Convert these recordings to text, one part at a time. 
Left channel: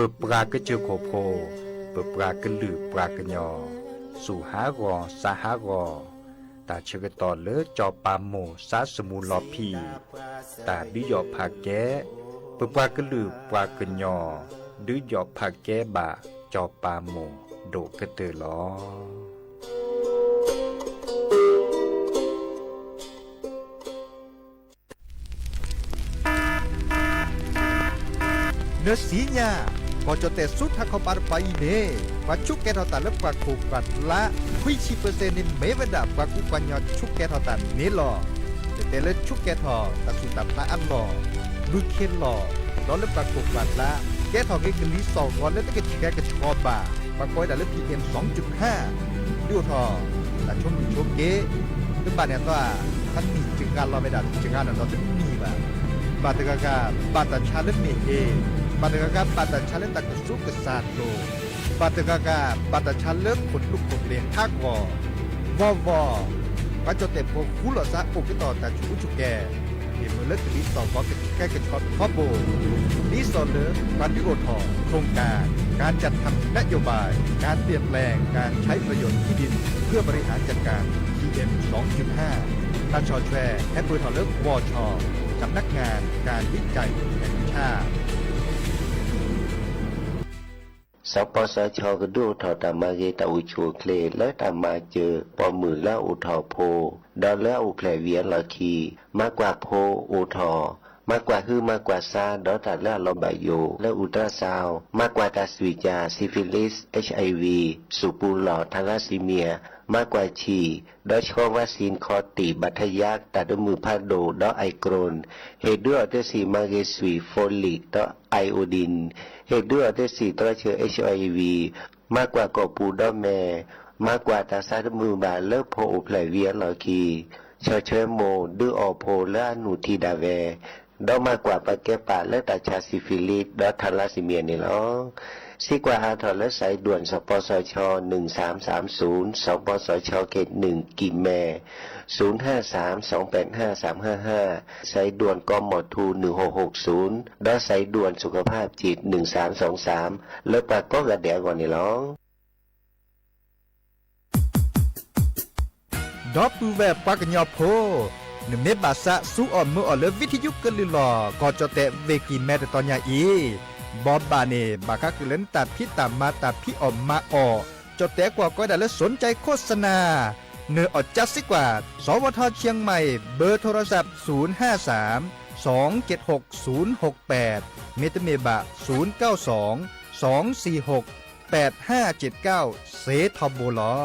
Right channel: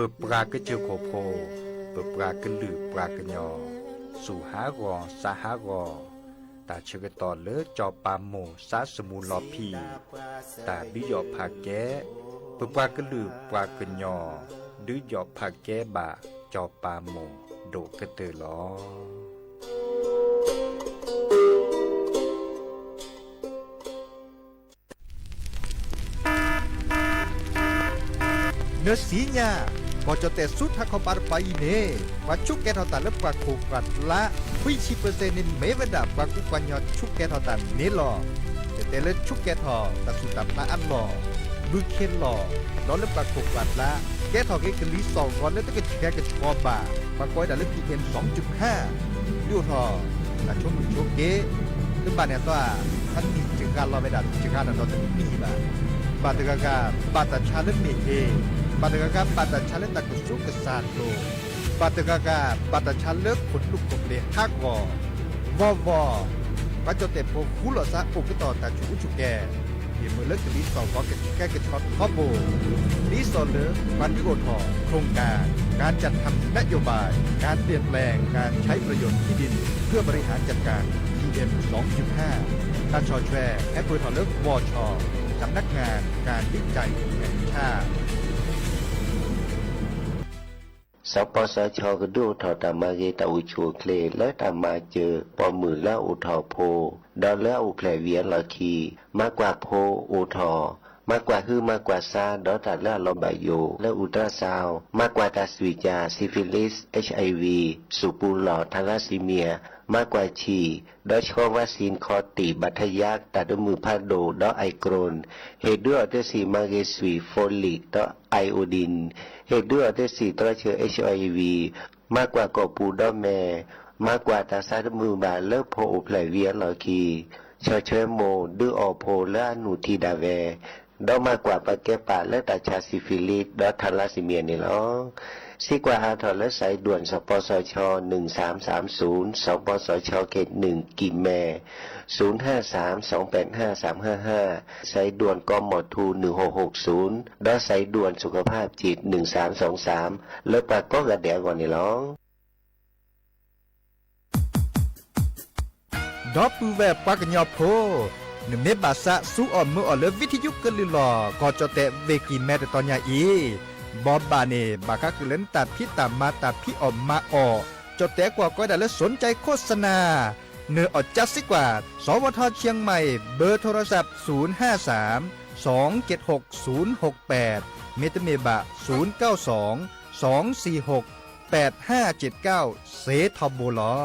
ปิดปลากระเจือโคโพเปิดปลากระลือปลากระยอสู่หากอสาหากอตาเชกตอเลจอปาโมสาสมูลอพีตาดิยอผาแกเปิดปลากระลือปลากระยอดิยอผาแกบาจอปาโมโดกระเตอลอเนื้อสีญาก็จะแต่สุดถ้าเขาปาร์ไปเน่ว่าชุกแกทอตันและปากโคกัดละคุยชีเปอร์เซ็นต์นี่ไม่เวดาปากกุกันยอชุกแกทอตันนี่หรอแต่ละชุกแกทอตัดสุดตับละอันหรอบุเคหรอล้อและปากโคกัดละแกทอแกกลีสองก่อนแล้วต้องแกแกกระชอบบ่าปากก้อยแต่ละ PM 2.5ดูทอแต่ช่วงมือช่วงเกคือบ้านเนี่ยตัวท่านมีจึงการรอเวดาจึงการนอนตึ้งมีบ่าบาตกากาบาตชาเลเมเฮบาตกากาบาตชาเลตะกสุกษาโลบาตกากาบาตชาเลขนลุกกบเลฮักวอวว่าจะแต่พวกคุลซะอุกต่อตาชูชุแกเห็นมือเลิกลิสอก็กระแกกระชอตฮอบโบลิสอเลความวิโอทอโครงการจัดทำนโยบายการเปลี่ยนแปลงการใช้ประโยชน์ที่ดินเพื่อบริหารจัดการ PM 2.5 ตาชอแชร์แอปเปิลทอเลิกวอชอสำนักงานการวิจัยแห่งชาติสปสชก็ดูถอตามาเกตาอุชูเคลและตามาเจอปอมือละอุทอโพดอลและอุแผลเวียนละคีมากกว่าโพอุทอมากกว่าคือมากกว่าซาดอตัดและลอบายโยและอุตราซาวมากกว่าตาสวิจาซิฟิลิส HIV สุปูหลอดทาราซีเมียมากกว่าฉีดอชอวัคซีนคอติบัทยักตัดมือพาโดดอไอโกรนเฮด้วยอเตสีมาเกสวีโฟลิกดอไอโอดินเหตุด้วยอเตสีตัวเชื้อ HIV มากกว่ากอปูดอแม่มากกว่าตาซาดมือบาเลิกโพอแผลเวียนหลอคีเชอเชโมดื้ออโพและอนุทีดาเวดอมากกว่าปะแกปะและตาชาซิฟิลิสดอทาราซิเมียนี่ล้อซีกว่าอาทอและสายด่วนสปสช1330สปสชเขต1กิมแม0532855355สายด่วนกมทู1660ดอสายด่วนสุขภาพจิต1323แล้วปากก็กระแดกก่อนนี่ล้อดอปูแวปากญอโพหนึ่งเมบาสะสู้อ่อนมืออ่อนเลวิทยุกลิลอก็จะแต่เวกีแม่ตอนยาอีบอบบาเนบาคักเล่นตัดพี่ตามมาตัดพี่ออมมาออจะแต่กว่าก็ได้และสนใจโฆษณาเนื้ออดจัดสิกว่าสวทเชียงใหม่เบอร์โทรศัพท์053 276 068เมตเมบะ092 246 8579เซทอโบลอ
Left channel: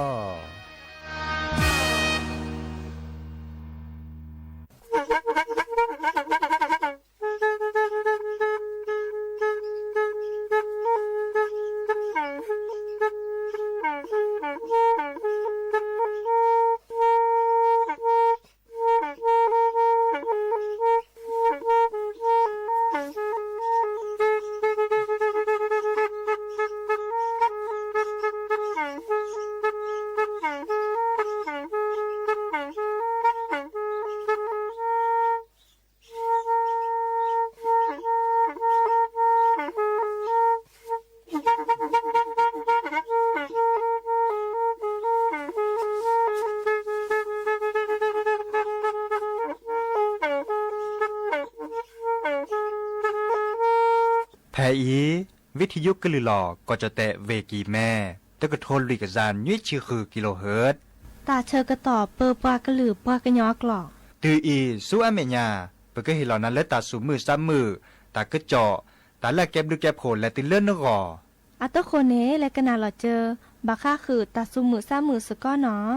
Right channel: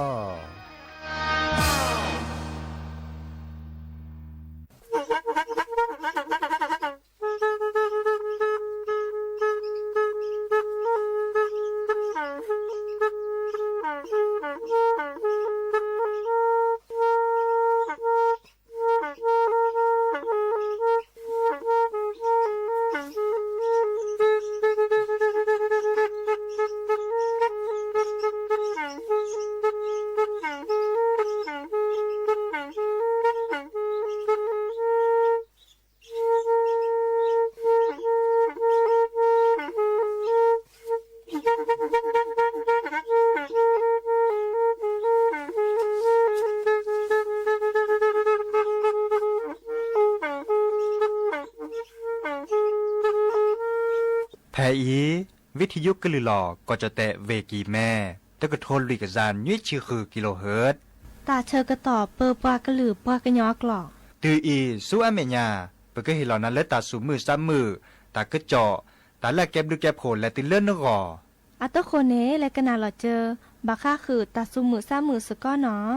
แพอีวิทยุกลือหลอก็จะแตะเวกีแม่ตะกะโทนลิกซานยุ้ยชื่อคือกิโลเฮิรตซ์ตาเชอกระต่อเปอปากระหลือปากระยอกหลอกตืออีสู้อเมญาเปก็เห็นเหล่านั้นและตาสูมือซ้ำมือตากระเจาะตาแลกแก็บดูแก็บโผลและติเลื่อนนกออัตโคเนและกนาหลอเจอบาค่าคือตาสูมือซ้ำมือสก้อเนาะ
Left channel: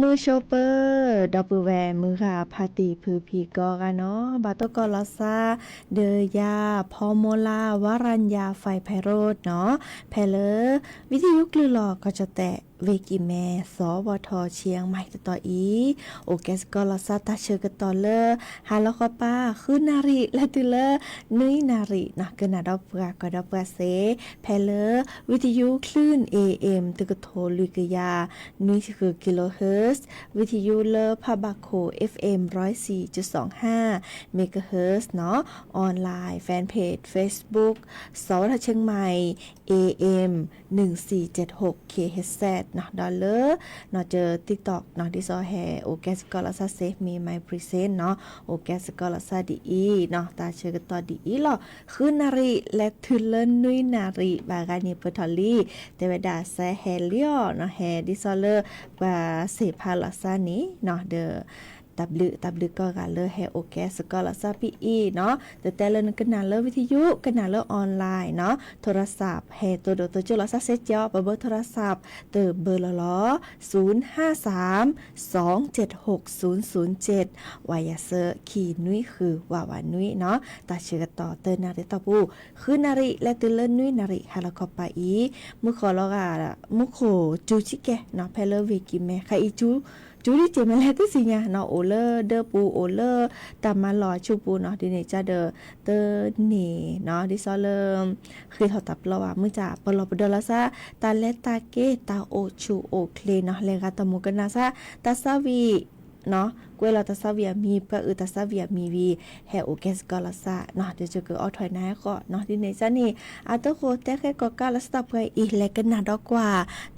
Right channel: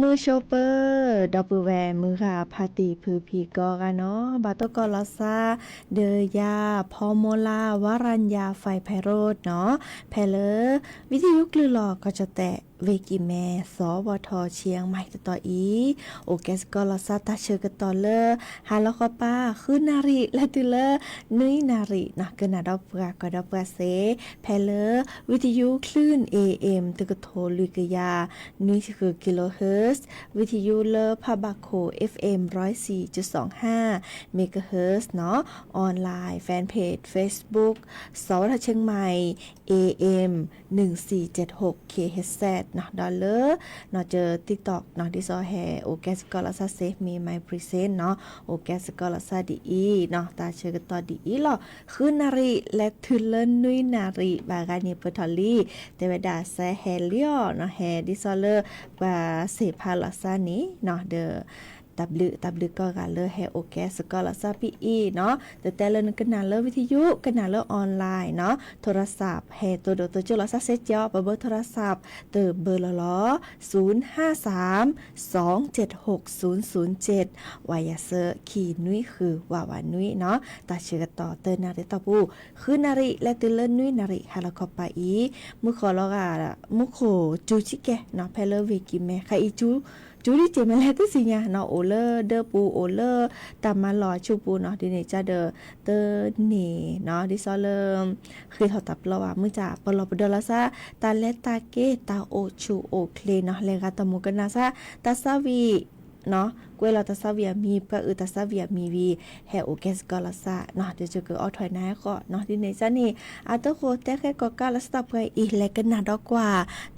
มือโชเปอร์ดอปเปอร์แวร์มือค่ะพาติพือพีกอกันเนาะบาโตกอลอซาเดยาพอโมลาวารัญญาไฟไพโรดเนาะแพเลอวิทยุกลือหลอกก็จะแตะเวกิแม่สวทเชียงใหม่ต่ออีโอแกสกอลอซาตาเชอร์กต่อเลอฮาลอคอป้าคือนาริและตุเลอนุยนารินะกนาดอปกากดอปกาเซแพเลอวิทยุคลื่น AM ตึกโทลุกยานุยคือกิโลเฮิรตซ์วิทยุเลอพาบาโค FM 104.25 เมกะเฮิรตซ์เนาะออนไลน์แฟนเพจ Facebook สวทเชียงใหม่ AM 1476 KHZ เนาะดอลเลอร์เนาะเจอ TikTok เนาะที่ซอแฮโอแกสกอลาซาเซฟมีไมพรีเซนต์เนาะโอแกสกอลาซาดีอีเนาะตาเชื่อกันต่อดีอีหรอคือนาริและทุเลนนุยนาริบากานีเปอร์ทอลี่เตวดาแซเฮเลียเนาะแฮดิซอเลอร์บาเซพาลาซานีเนาะเดอตับลึกก็กันเลยแฮโอแกสก็ละซาปีอีเนาะแต่เลินกันนาเลวิทยุกันนาเลออนไลน์เนาะโทรศัพท์แฮตัวตัวจุลซาเซจอเบอร์โทรศัพท์เตอเบอร์ล้อ053276007วายาเซอร์ขีนุ้ยคือวาวานุ้ยเนาะตาเชื่อต่อเตอนาริตาปูคือนาริและตเลินนุ้ยนาริฮาลาคอปาอีมุขอลอกามุขจูชิเกเนาะเพลเวกิเมคาอิจูดิเจมาแล้วที่สิญาเนาะโอเลอร์เดอปูโอเลอร์ตามมาหล่อชูปูเนาะดิเนจาเดอเตอเนเนาะดิซอเลมคือถอดตับเราว่ามือจ่าปลอปดลาซาตาเลตาเกตาโอชูโอเคลเนาะเลกาตามุกันนาซาตาซาวีเนาะกวยเราตาซาเวียมีปะตาซาเวียมีวีแฮโอเกสกอลาซาเนาะเดี๋ยวจะเกิดออถอยนาก็เนาะดิเนจานี่อาตโคเตแค่ก็กาลาสตาไปอีเลกันนาดอกว่า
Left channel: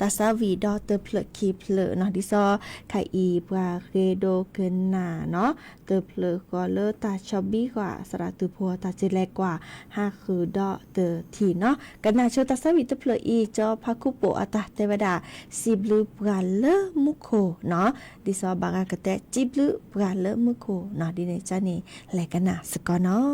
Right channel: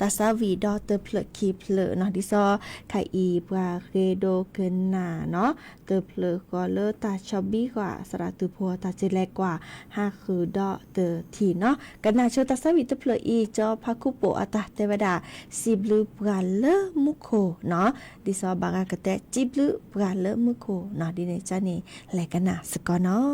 ตาซาวีดอเตอเพลคีเพลเนาะดิซอไคอีปาเรโดเกนนาเนาะเตอเพลก็เลตาชอบบี้กว่าสระตุพัวตาเจแลกว่าฮาคือดอเตอทีเนาะกันนาเชตาซาวีเตเพลอีจอพาคุโปอาตาเทวดาซิบลูปราเลมุโคเนาะดิซอบากากะเตจิบลูปราเลมุโคเนาะดิเนจานี่แลกันนาสกอเนาะ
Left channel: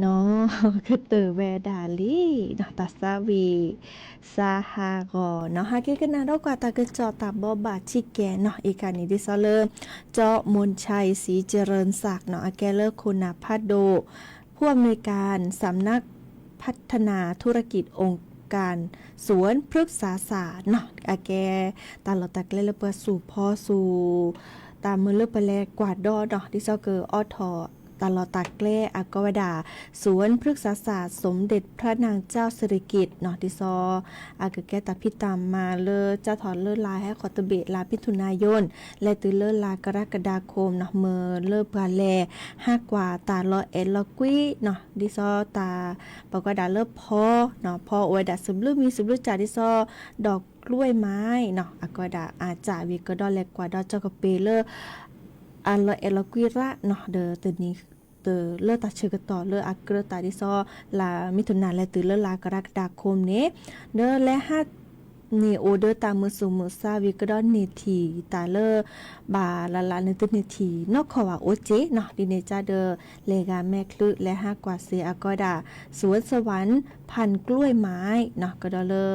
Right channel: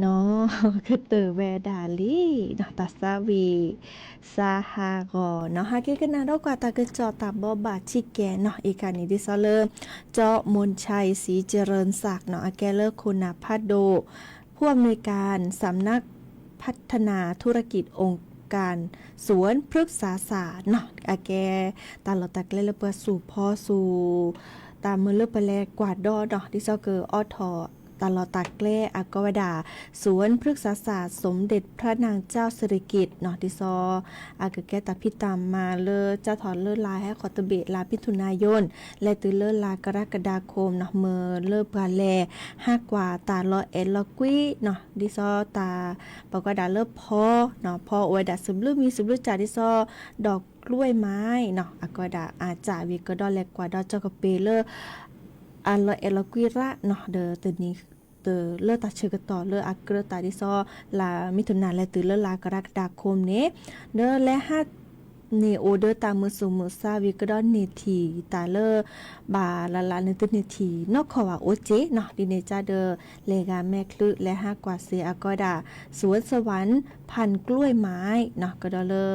เนาะ คือเตอแวดาลีเนาะตาซาวีซาฮากอเนาะฮาเกกันนาดอกว่าตากะจอตาบอบาชิแกเนาะอีกานี้ดิซอเลอร์เจาะมนชัยศรีเจริญศักดิ์เนาะอาแกเลอร์คุณภาโดผู้อำนวยการสำนักพัฒนาธุรกิจองค์การสวนพฤกษาศาสตร์เนาะอาแกตาลอตักเลเลเปสู่พ่อสู่ตามมือเลือไปแลกวาดดอเนาะดิซอเกอออทอตลอดตักแกล้อากวดาสวนพฤกษาศาสตร์สมเด็จพระนางเจ้าสิริกิติ์เนาะดิซออากแกตัดพิตามมาเลอเจ้าถอนเลิศลายให้ขอตะเบะลาพิถุนายนและตือเลิศลากรกฎาคมเนาะเมื่อเลิศปลาแล5กว่าตาลอเอลกุยเนาะดิซอตาปกวดาเลิศพอเนาะพออวยดาซึมลือมีซึมลือจ่าดิซอดอกกล้วยไม้เนาะอากวดาอาจาวิกดอแลกว่าดอเจ้ากะเปเลออันลอเอลกุยระเนาะเดอตัวนี้เตอเลือดตาเชกต่อเลืออักเกอตาดิซอลามิถุนายนและตือเลือลากรกฎาคมนี้เดอและ5เนโอเดอตามือสูมือซาวิกดอนเนทีตาเลอบาลาเนตเนทีนอกขว่าโอเจเนาะดิเนจาเดอเลกาแม่คลึและ5กว่าเซอากอดาสวนสวรรค์พันกล้วยไม้เนาะก็ดอเลอ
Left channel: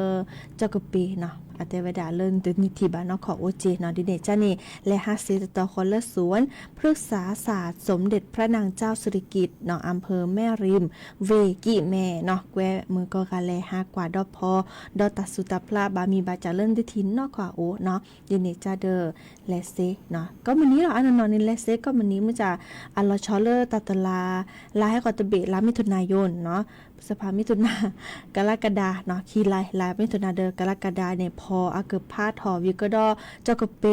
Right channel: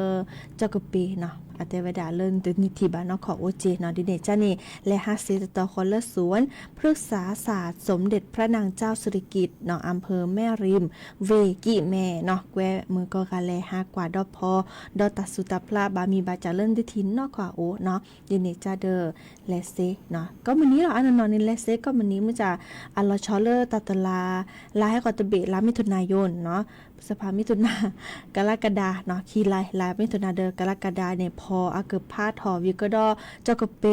เจ้ากะปีเนาะอาเตวดาเลินตนิทีบานอขอโอเจเนาะดิเนจานี่และ5เซตอคอลสวนพฤกษาศาสตร์สมเด็จพระนางเจ้าสิริกิติ์เนาะอำเภอแม่ริมเวกิแม่เนาะแกวมือก็กะแล5กว่าดอพอดอตัสุตาพลาบามีบาจาเลินดิทินนอกขอโอเนาะดิเนจาเดอและเซเนาะก็มื้อนี้เราอันนอนนี่และเซก็มื้อนี้มันจะอัลลอชอเลอร์ตัตลาลาให้กอตเบะลามิถุนายนเนาะสภามิถุนากรกฎาเนาะคีไลลามิถุนาเดอกรกฎาเนี่ยพออาเกพาทอวิกดอเจ้ากะเป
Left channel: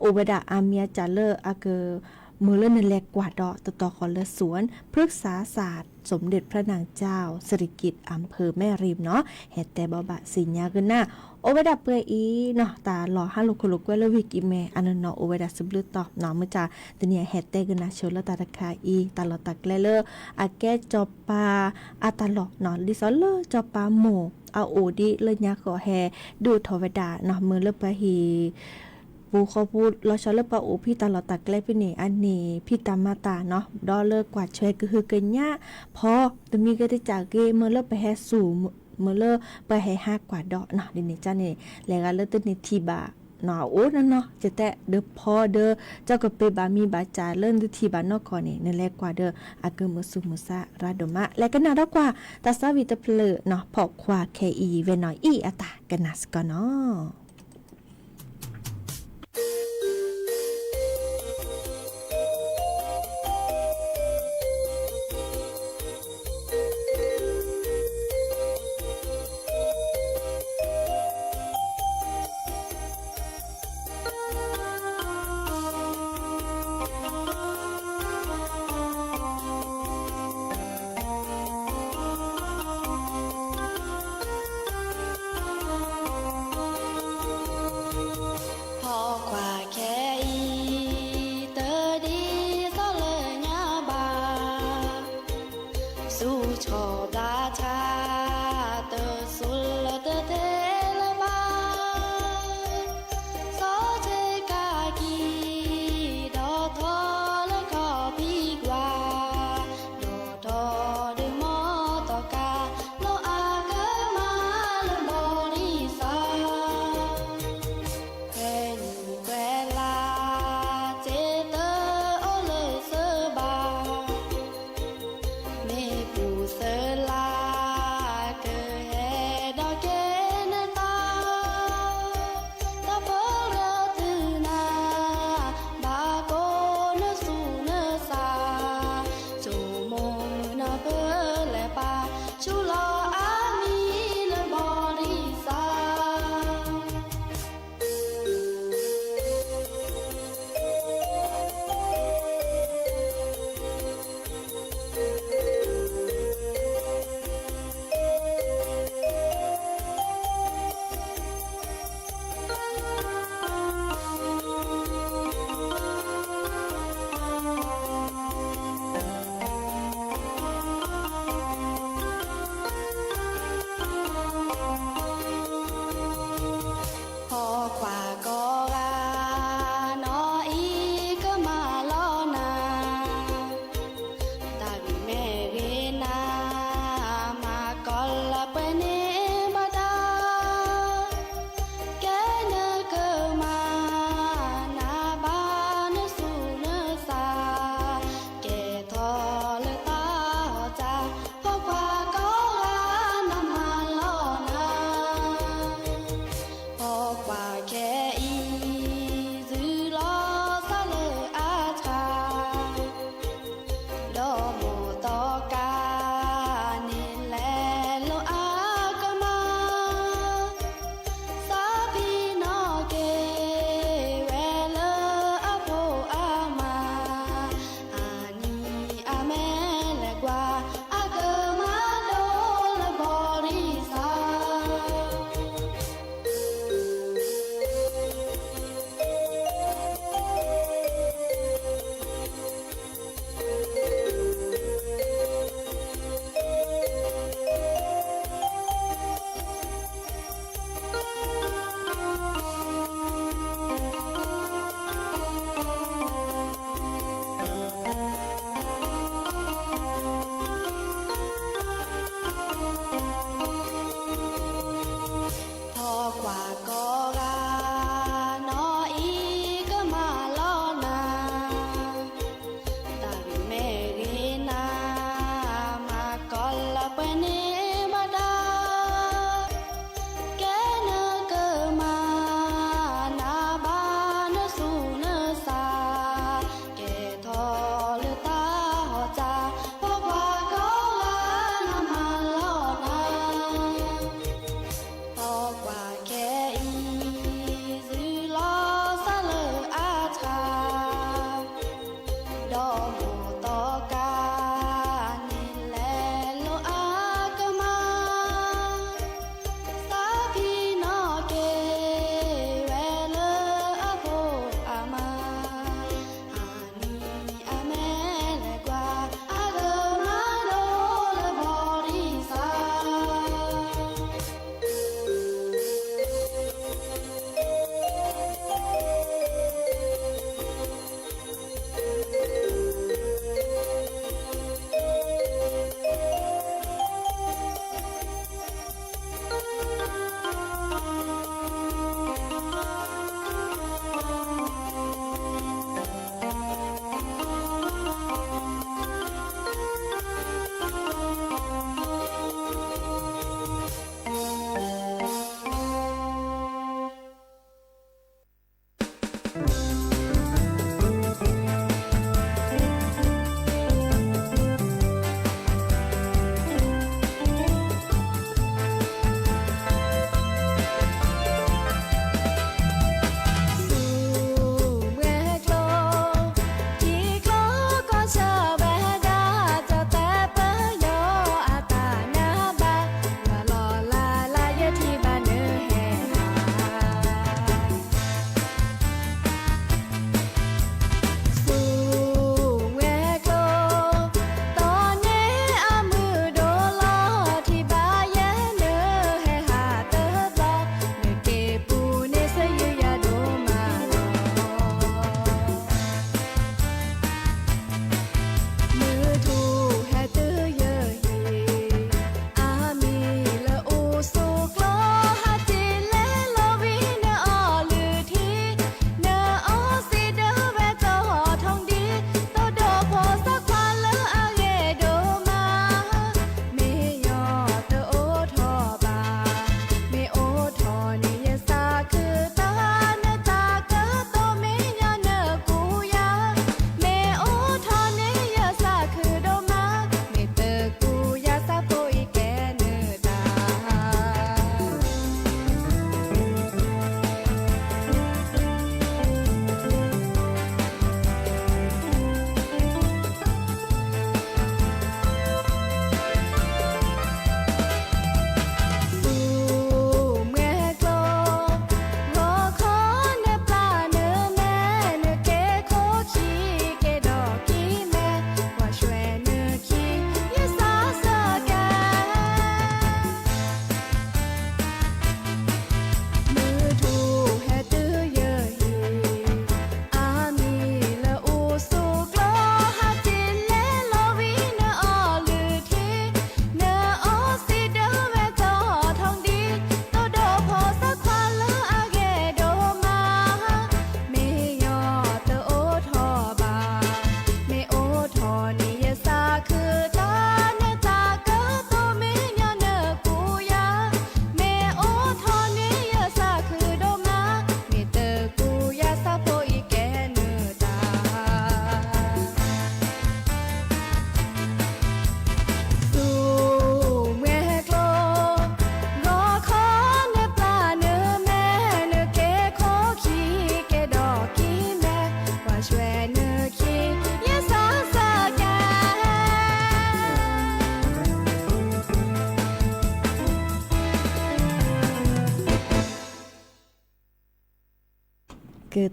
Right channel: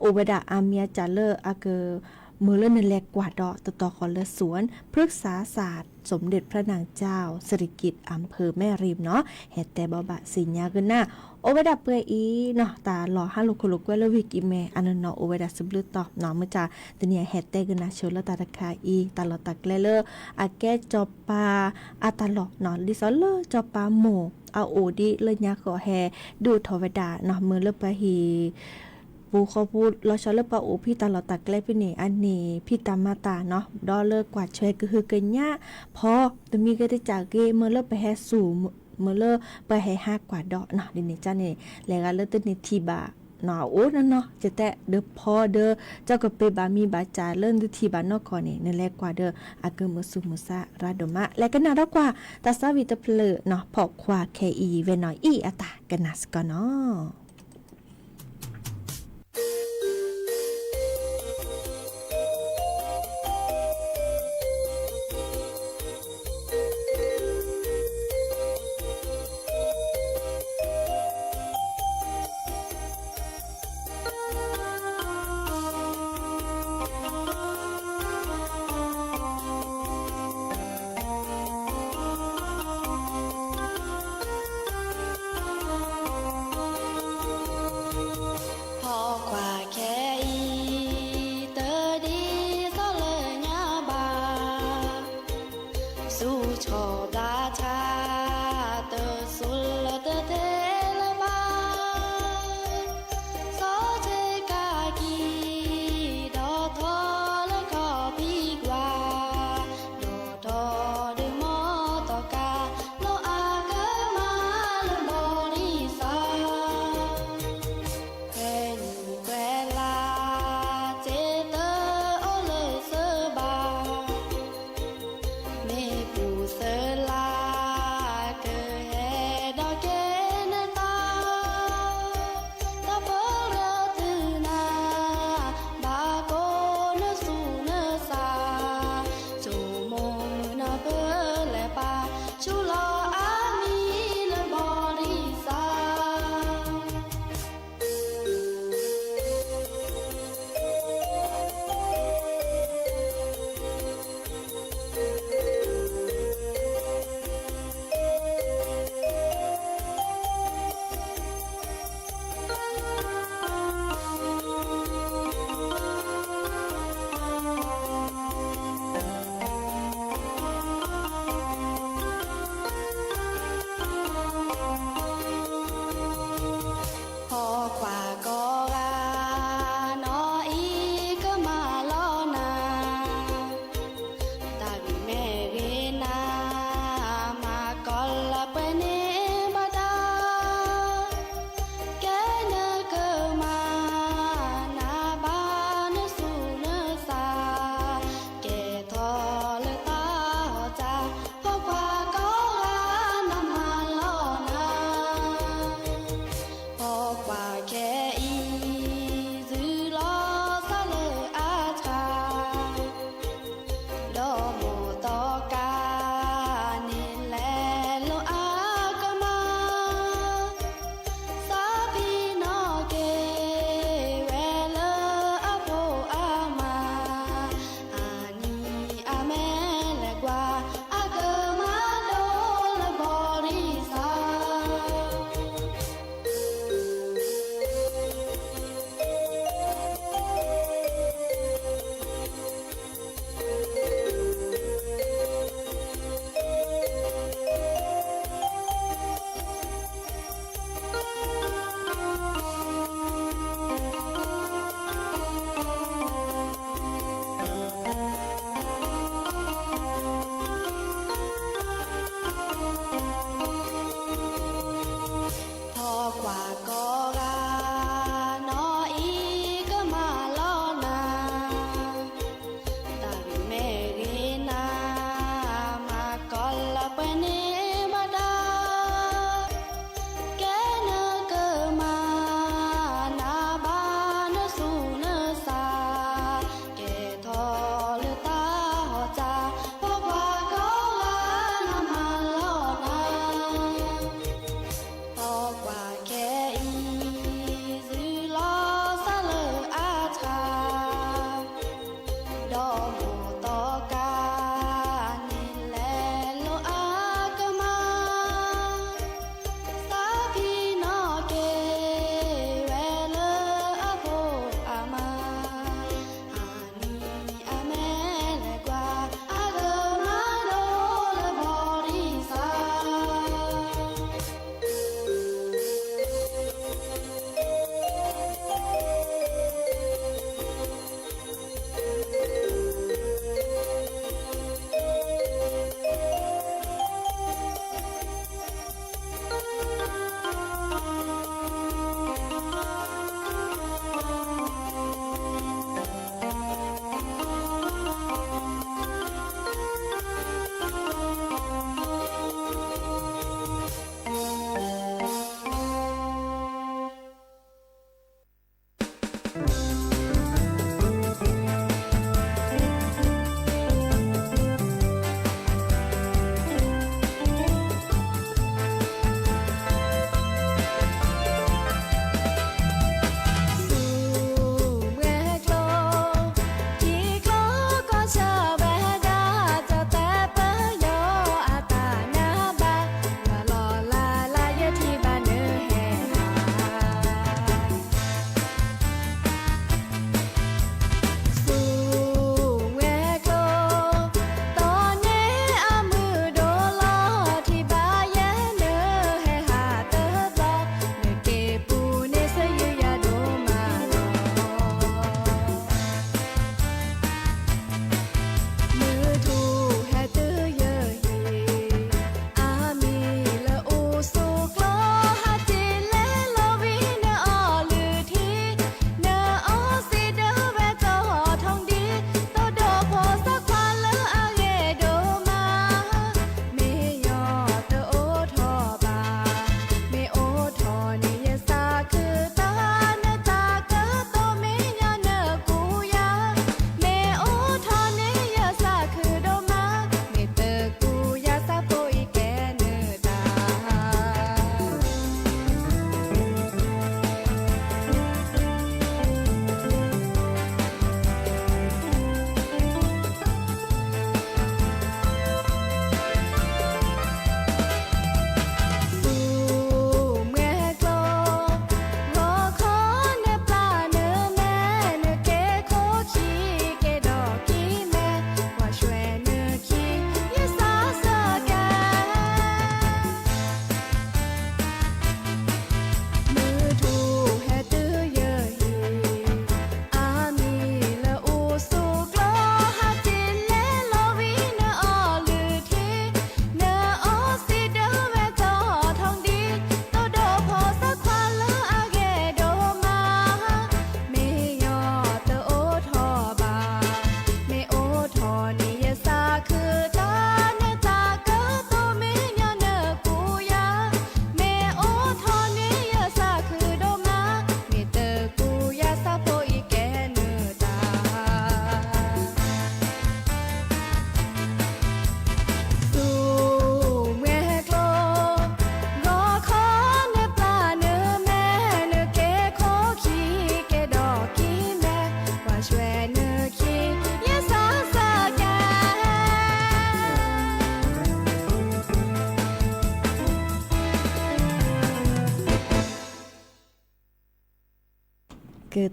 โอเวดาอาเมียจาเลออาเกมือเล่นในแลกกว่าดอต่อขอเลสวนพฤกษาศาสตร์สมเด็จพระนางเจ้าสิริกิติ์อำเภอแม่ริมเนาะเฮ็ดแต่บ่บะสิญญากันนะโอเวดาเปื่อยอีเนาะตาหล่อฮัลโลโคโลกวยเลวิกอีเมอันนั้นเนาะโอเวดาซึบลือตอเนาะมื้อจาตะเนี่ยเฮ็ดแต่กันนะเชลตาตะคาอีตาลอตักเลเลออาแกจอบปาอาตาลอเนาะดิซอเลอจอบปาโมเอาโอดิเลยญาขอแฮดูทวดาเนาะมื้อเลปะฮีปูเขาพูดเราชอบเลิกปะโอพี่ตลอดตักแกล้พี่นี่อันนี้พี่ตามมาตาเนาะดอเลิกกว่าช่วยก็คือเกินยะพอจะมีก็ได้จากเกเมื่อเลิกไปแฮสู่เมื่อเลิกไปให้5กว่าดอกเนาะดินี่จ้านี่แล้วก็เลิกตึ้นี่ทีบาเนาะโอ้นั่นเนาะจะแต่เด้อพอเด้อเจ้าก็ไปบามีบาจาเลิ่นที่บานอกก่อนนี่นั่นแหละกว่าเด้ออาเกมือสุมือซาราดมะและก็น่ารักกว่าตาซาวิตเพลเนาะพอกควาเคอีเวนอยอีอะตากันนัสก่อนเนาะ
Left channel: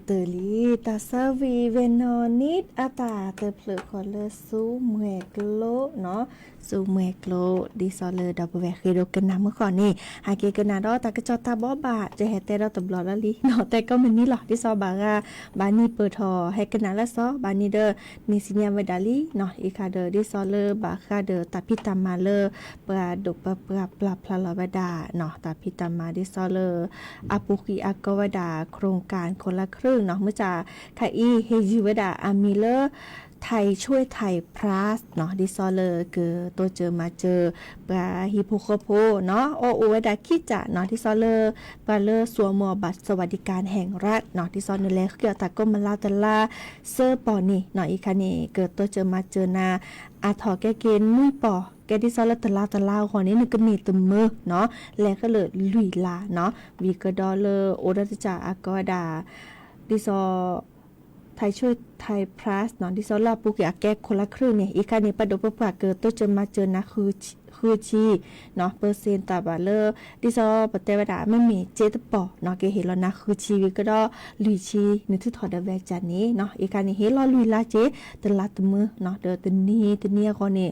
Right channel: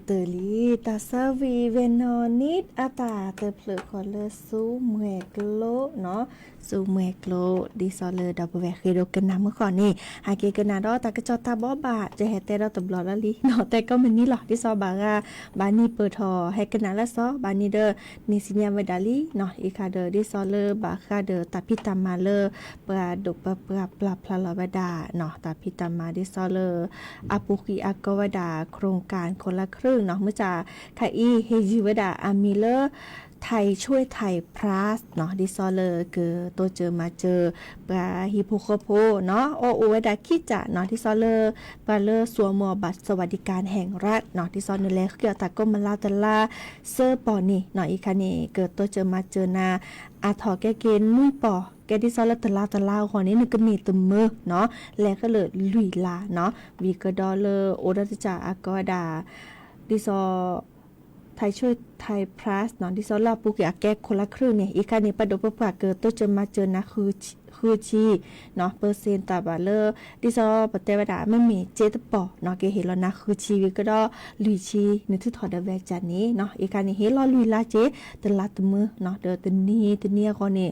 เตอลีตาซาวีเวนอนิดอาตาเตอเพลคอเลซูเมกโลเนาะซูเมกโลดิซอเลดับแวเคโดกันนะเมื่อก่อนนี่หาเกกันนะดอตากระจอตาบอบาจะแฮแต่เราตบลอละลิเนาะแต่ก็มันนี่หรอกดิซอบากาบานี่เปิดทอให้กันนะละซอบานี่เดอนิสิญาเวดาลีเนาะอีคาเดอดิซอเลบาคาเดอตาพิตามาเลปราดุปปราปลาพลาลวดาเนาะตาพิตามาดิซอเลอาปุกีอากวดาโครงการคนละครึ่งเนาะเมื่อจะไทอีเฮจิวดาอามิเลอร์ไทยช่วยไทยพลัสเนาะดิซอเลอร์คือตัวเจอมาเจอปลาฮิโปโคโพเนาะโอวดาคิจะเนาะดิซอเลอร์ปลาเลอร์สัวมัวบัตรสวัสดิการแห่งรัฐเนาะดิซอเลอร์เกี่ยวตะก็มาลาตะลาเซอร์ปอนี่เนาะอีคันนี่เกิดตัวเจอมาเจอนาอาถอแกเกณฑ์มุ้ยปอแกดิซอลตะลาคนนี้นึกก็มีตมมือเนาะแล้วก็เลยลุยลาเนาะวีก็ดอเลอร์โอดาจาอากอดาดิซอไทยช่วยไทยพลัสเนาะดิซอลาปุกอยากแก้คนละครึ่งเนี่ยอีกคันนี้ประดบประปาเกิดตัวจะมาเจอนะคือชีเนาะเปอร์เซ็นต์ตาบาเลอร์ดิซอปเตวดาไม่มีเจตปอเนาะเกเห็นแล้วนะคือชีวิก็ดอลุยชีนึกถึงถอดแวจานนี้เนาะอีกคันนี้เห็นรอลุยลาเจตลาดมือเนาะเดอตนี้คนนี้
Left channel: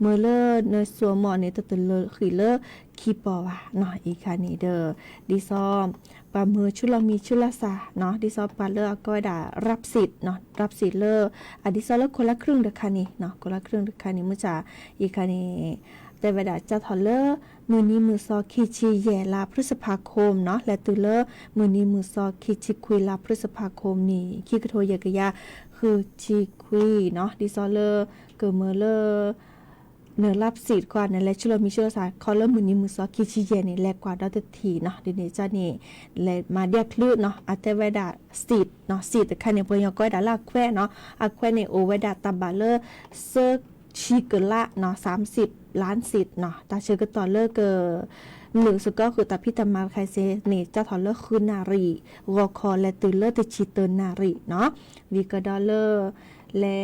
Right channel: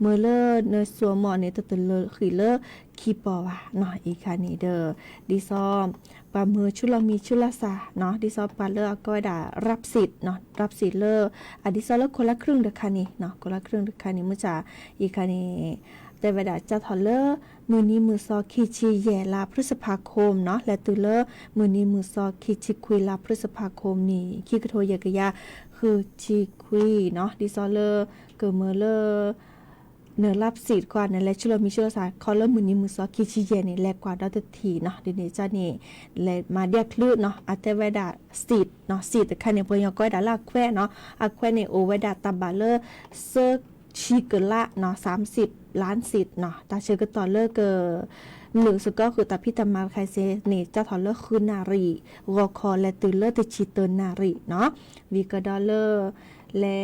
เมื่อเลอเนสัวหมอเนี่ยตเลอคือเลอคีปอวะเนาะอีกคันนี้เดอดิซอปามือชุลมีชุลสาเนาะดิซอปาเลอร์ก็ด่ารับสิทธิ์เนาะรับสิทธิ์เลอดิซอเลอคนละครึ่งเด็กคันนี้เนาะคนละครึ่งเด็กคันนี้เมื่อจ่าอีกคันนี้แต่เวลาจะถอดเลอมือนี้มือซอคีชีแย่ลาพฤษภาคมเนาะและตุเลอมือนี้มือซอคีชีคุยลาพฤษภาคมนี่คีกระโทยกะยาคือชีคุยเนาะดิซอเลอเกิดเมื่อเลอเนื้อรับสิทธิ์กว่าในและชุลมีชุลสาเขาเริ่มมือนี้มือซอคิชิเยนี่แลกกว่าดอตทีเนาะเดี๋ยวนี้จ้านี่และมาเดียกลืดเนาะอาเตเวดาสิทธิ์เนาะสิทธิ์แต่คันเนี่ยเพิ่นยอก้อยดาลาแควเนาะอาแควเนี่ยโอเวดาตาบาเลอร์เซอร์ชิเกละเนาะ30 ล้านสิทธิ์เนาะตาเชื่อก็ต่อเลิกเกอหนึ่งสุดก็คือตาพิตามาไคเซนี่เจ้าถอดเลิกคือนารีวอคอและตือเลิกติชิเตอร์นารีเนาะวีก็ดอลเลอร์และ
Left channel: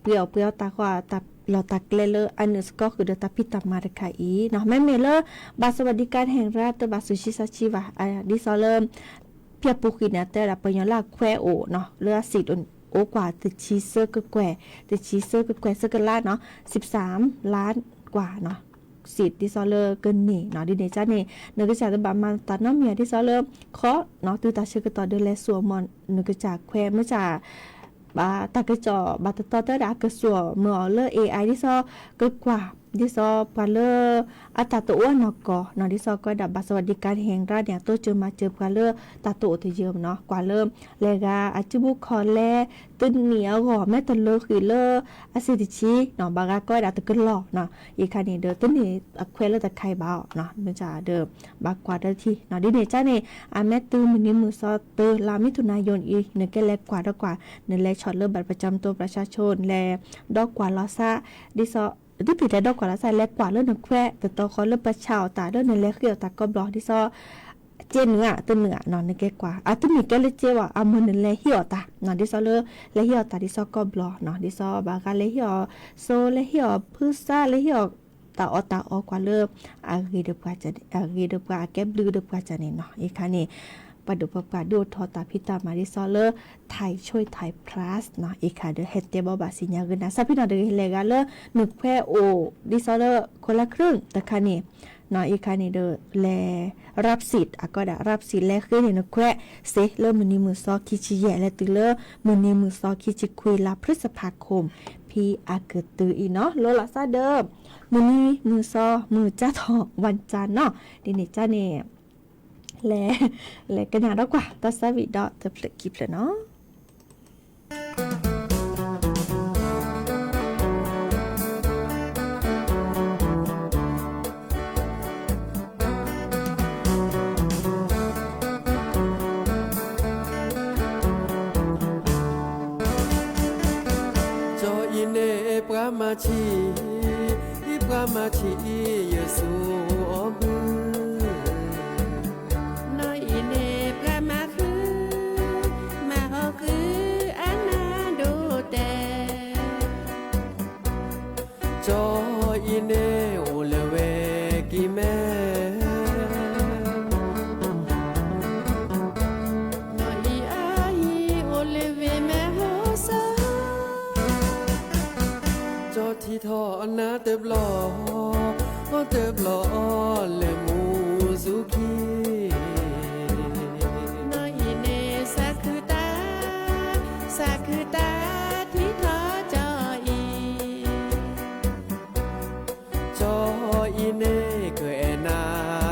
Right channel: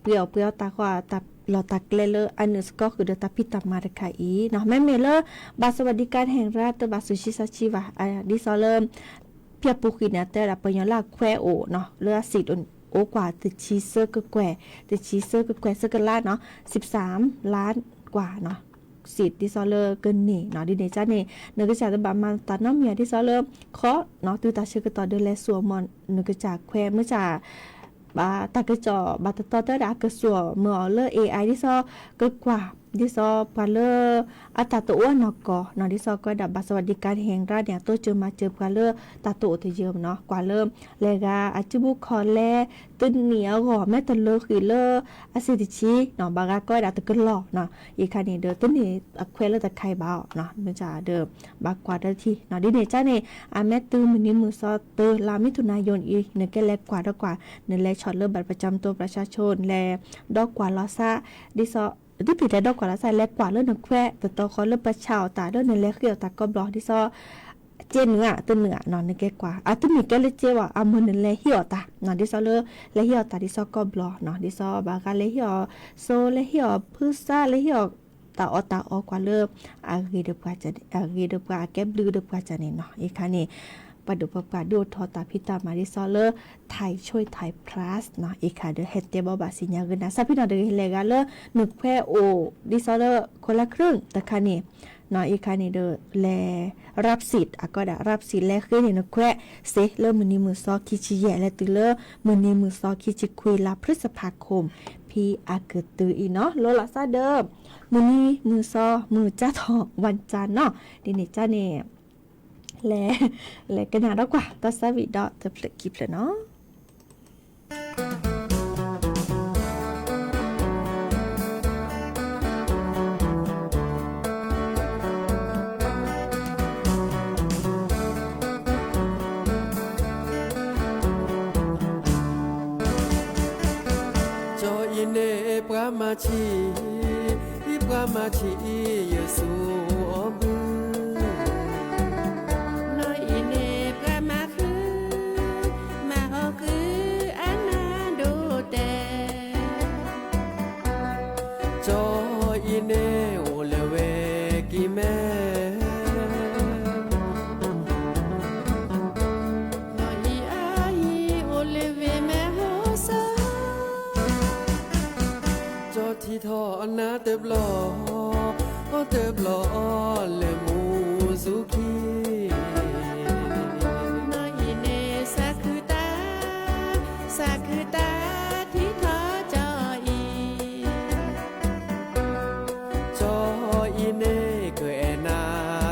เปรียวตากว่าตาเราตักเลออันนึงก็คือเดตาพิตามาไคอีเนาะแม่เมเลบัตรสวัสดิการแห่งรัฐบัตรสุชิซาชิวะดิซอเลเพียปุกินะแต่ละปัญญาลาแควโอเนาะเลือสิทธิ์โอกว่าติชีเซอร์ก็แควติชีเซอร์ก็แควเซอร์กันลาเนาะ13 ล้านกว่าเนาะสิทธิ์ดิซอเลอร์เกินนี่เนาะดิเนจ้านี่นึกจากบามาตัดน้ำเมียดิซอเลอร์เคาะเนาะตัวตาเชื่อก็ต่อเดือนและสัวมอนนึกจากแควเมื่อจากบาตากระจอบาตต่อเตอร์ดากระสัวเมื่อเลอ AI ดิซอก็กว่าดิซอปาเลออัตตัวอ้วนนกเนาะดิซอก็ดับบัตรสวัสดิการแห่งรัฐเนี่ยตัวเจอมาเจอปาเลอตาโตที่เยอะเนาะกว่าเริ่มเลกาอาจิบุคอแลตึนเหนียวแม่ตะเลอคือเลออาซิติชีเนาะบางก็ดับตะกหลอกเนาะอีกคันนี้เด้อตึนนี่อควเลตะไข่บ่าวเนาะมันจะเดิมบากกว่าได้ที่เนาะดิเนจ้านี่อาแม่ตื้อมื้อนี้มือซอเตอลามิถุนายนอีเนแกแลกกว่าดอกกว่าเนแลช็อตเลอบัตรประจำตัวประชาชนแลดอกกว่าลอซาดิซอที่ผิดแต่ดอกกว่าละใส่แลกกว่าเรื่องนักแควแต่ตัวเขาเริ่มประชาวตาเรื่องในแลกเกี่ยวตาก็บล็อกที่ซอเจนเนื้อตัวเนื้อนอนในแกกว่าที่มีแกเลยเจว่ามือหนึ่งเลยเหี่ยวตานอนที่ซอเลยเลยเหี่ยวตาที่ซอก็บล็อกเนาะที่ซอบางการเลยเหี่ยวโซเลยเหี่ยวพืชซ่าเลยเหี่ยวตาออกกว่าเริ่มกีเดือบกว่าจะกีเดือบกว่าแกบลือเดือบกว่าจะเนี่ยเนาะอีกครั้งนี้ปดุปปาดูทอตาพิตามาดิซอเลอร์ไทยช่วยไทยพลัสเนาะอีกค่ะเดเฮตเตบอบาสิญญาเงินนะซาพี่น้องเดเลกาเลอร์นึกแควโอดิซอเลอร์คนละครึ่งแต่ค่ะนี่เนาะอีกค่ะนี่เดแลรับสิทธิ์ก็ได้รับสิทธิ์แลขึ้นนี่นึกแควเซเลอร์มือนี้มือซอคิชิแย่และตือเลอร์มือนี้มือซอคิชิคุยลาพฤษภาคมพี่อาเกิดตืออีเนาะโลลาซาเดิมมือนี้มือซอมือจ้าทอวันจันทร์เนาะดิเนจ้าเนี่ยและกันนะกว่าตัสวิดอตะเพลกิบเลยเนาะจออินเนปรามาชีปรามาชีเยซูอมือจออินเนโอเลเวกิเมนออีอา ที่ทอนาเติบหล่อเติบหล่อและหมูสุขีน้อยเนสาคือตาที่ทอจออีจออีเน่เกอแอนา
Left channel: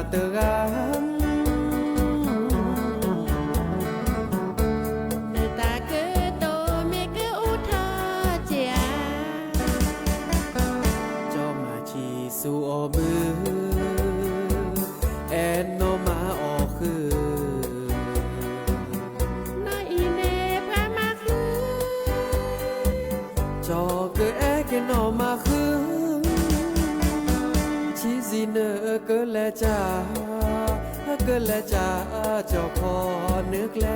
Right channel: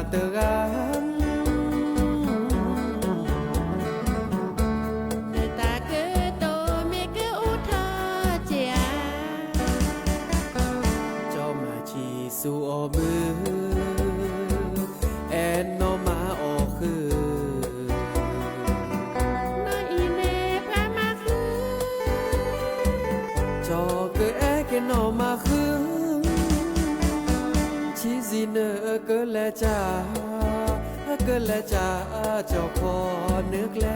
เตราม ในตาเกอโตเมเกออุทอเจียจอมาชีสูอมือแอนโนมาออคือน้อยเนพระมาคือ จอเกอแอเกนอมาคือชีซีเนอเกอแลจ้าจอคอนึกแล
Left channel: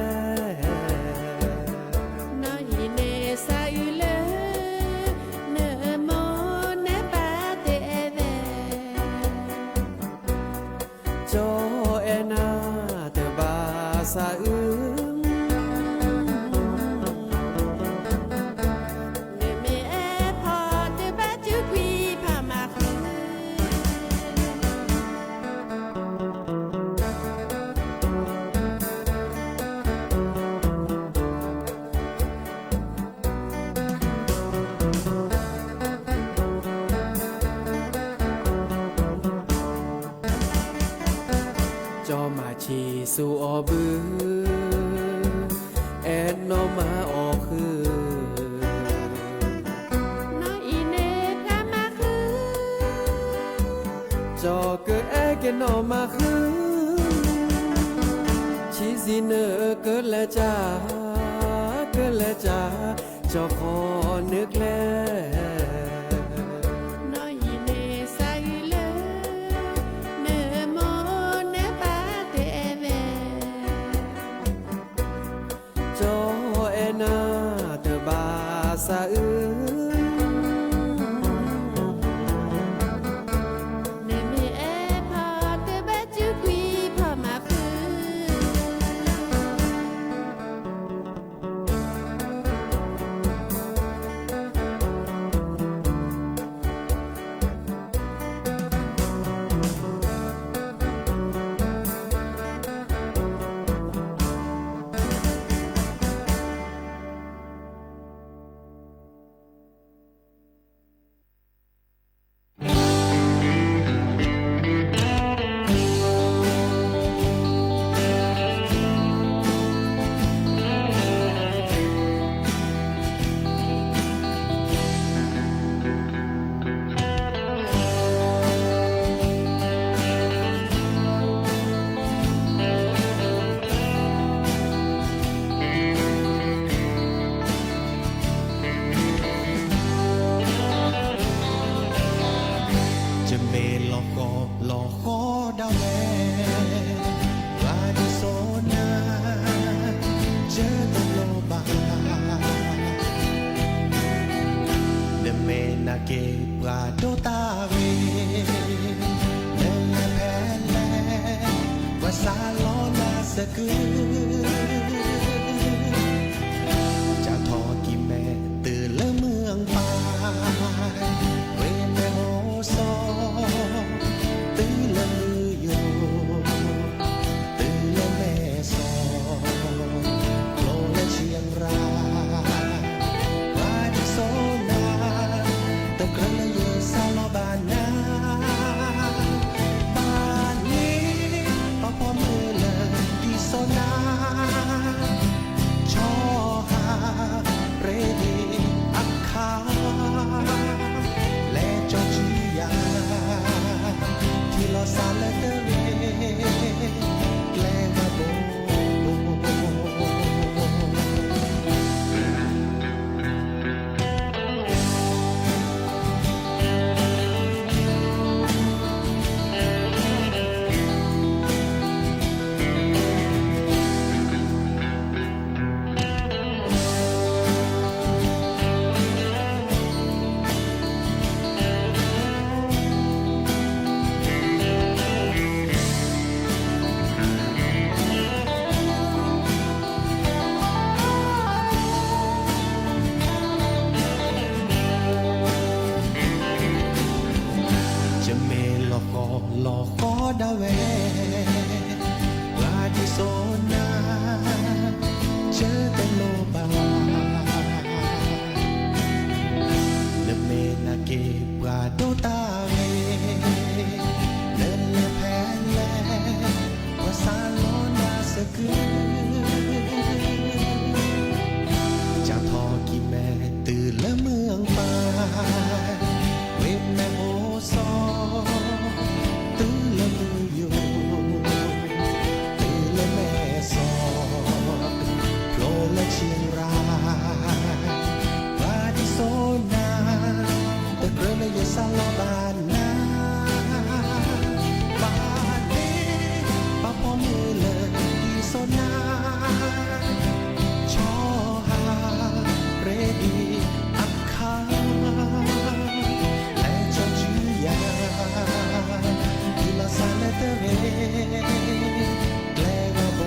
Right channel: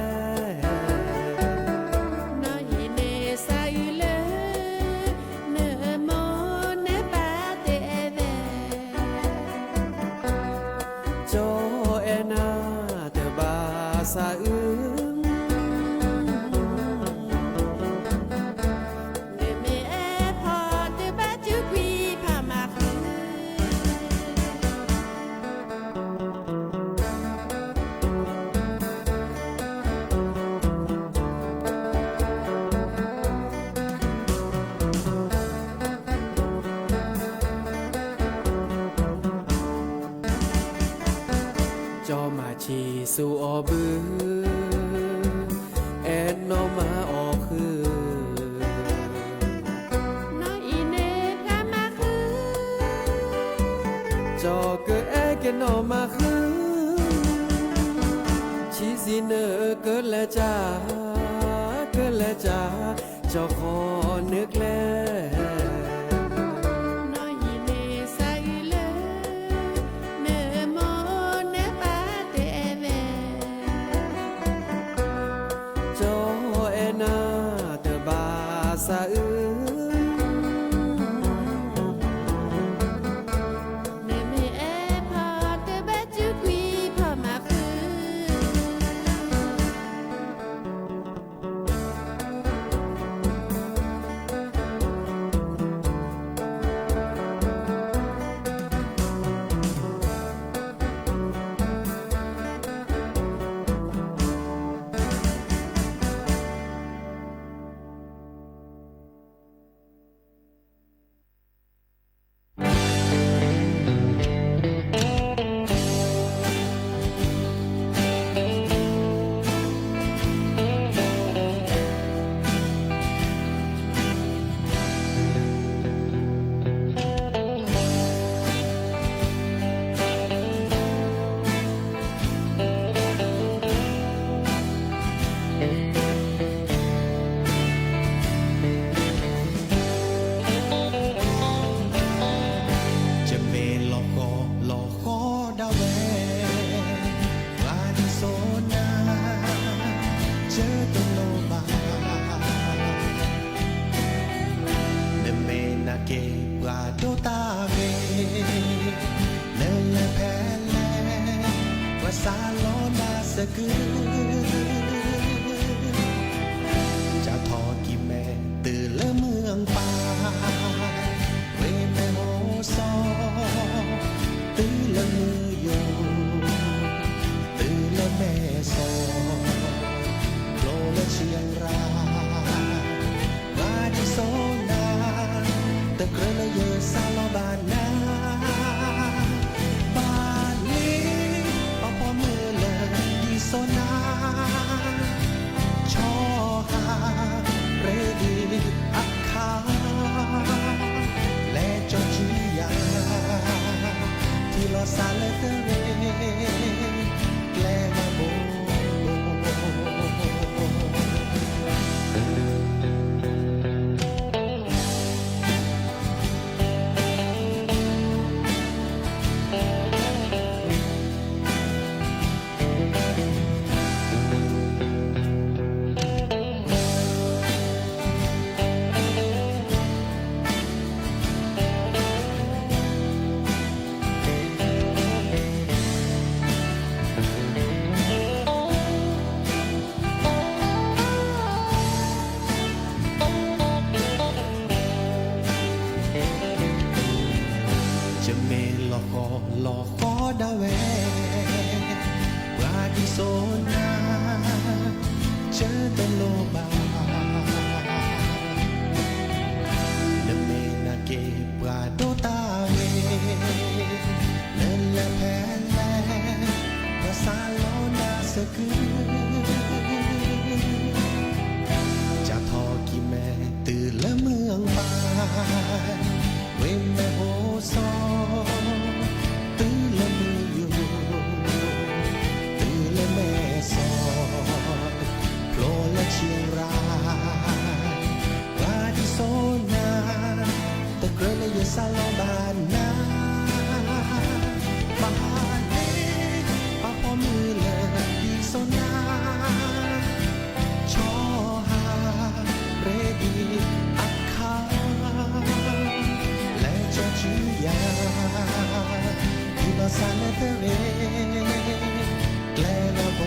น้อยเนสาอืเลเนโมเนปาเตเวจอแอนาเตบาสาอึงเนเมเอพอเตบาจุกวีพามาคือจอมาชีสูอบือแอนโนมาออคือน้อยเนพระมาคือ จอเกอแอเกนอมาคือชีซีเนอเกิดและจ้าจอคอนึกแลน้อยเนสาอืเลเนโมเนปาเตเวจอแอนาเตบาสาอึงเนเมเอพอเตบาจุกวีพามาคือ จะเมลอกคอดาวแววาดิโซนาเจอตโลบาเนเมนาเกปราโดตาเวเนลแพลวาซาโลนาสกือจะทอกิแม่ตื่นละเมืองป่าเวแม่โฮซอตื่นละมือโยตื่นละแม่ซอโลและเชียงรายว่าที่โซนาตะเกระละเยอซาลอบานนาบ้านนี้เอาพอมือเลยดีโซนาชอหาเรดีอักคาและจอจือยาที่ลอซาเลเตเรแกลกาโบ จะเมลอคอดาเวปราดิโซนาเจอแต่โลบาเนเมนาเกปราโดตาเวเนลแพลภาษาโลนาสกือจะทอกี่แม่ตื่นและเมืองบายเวมแม่โฮซอตื่นและมืออยู่ตื่นและแม่ซอโผล่และเชียงรายปาดิโซนาตะเกลือและยาซาลอบานนาบาเลปาพอมือเลยดีโซนาชอฮาเรดีอักคาและจอจือยากิลาซาเลเตเรแกลกาโบ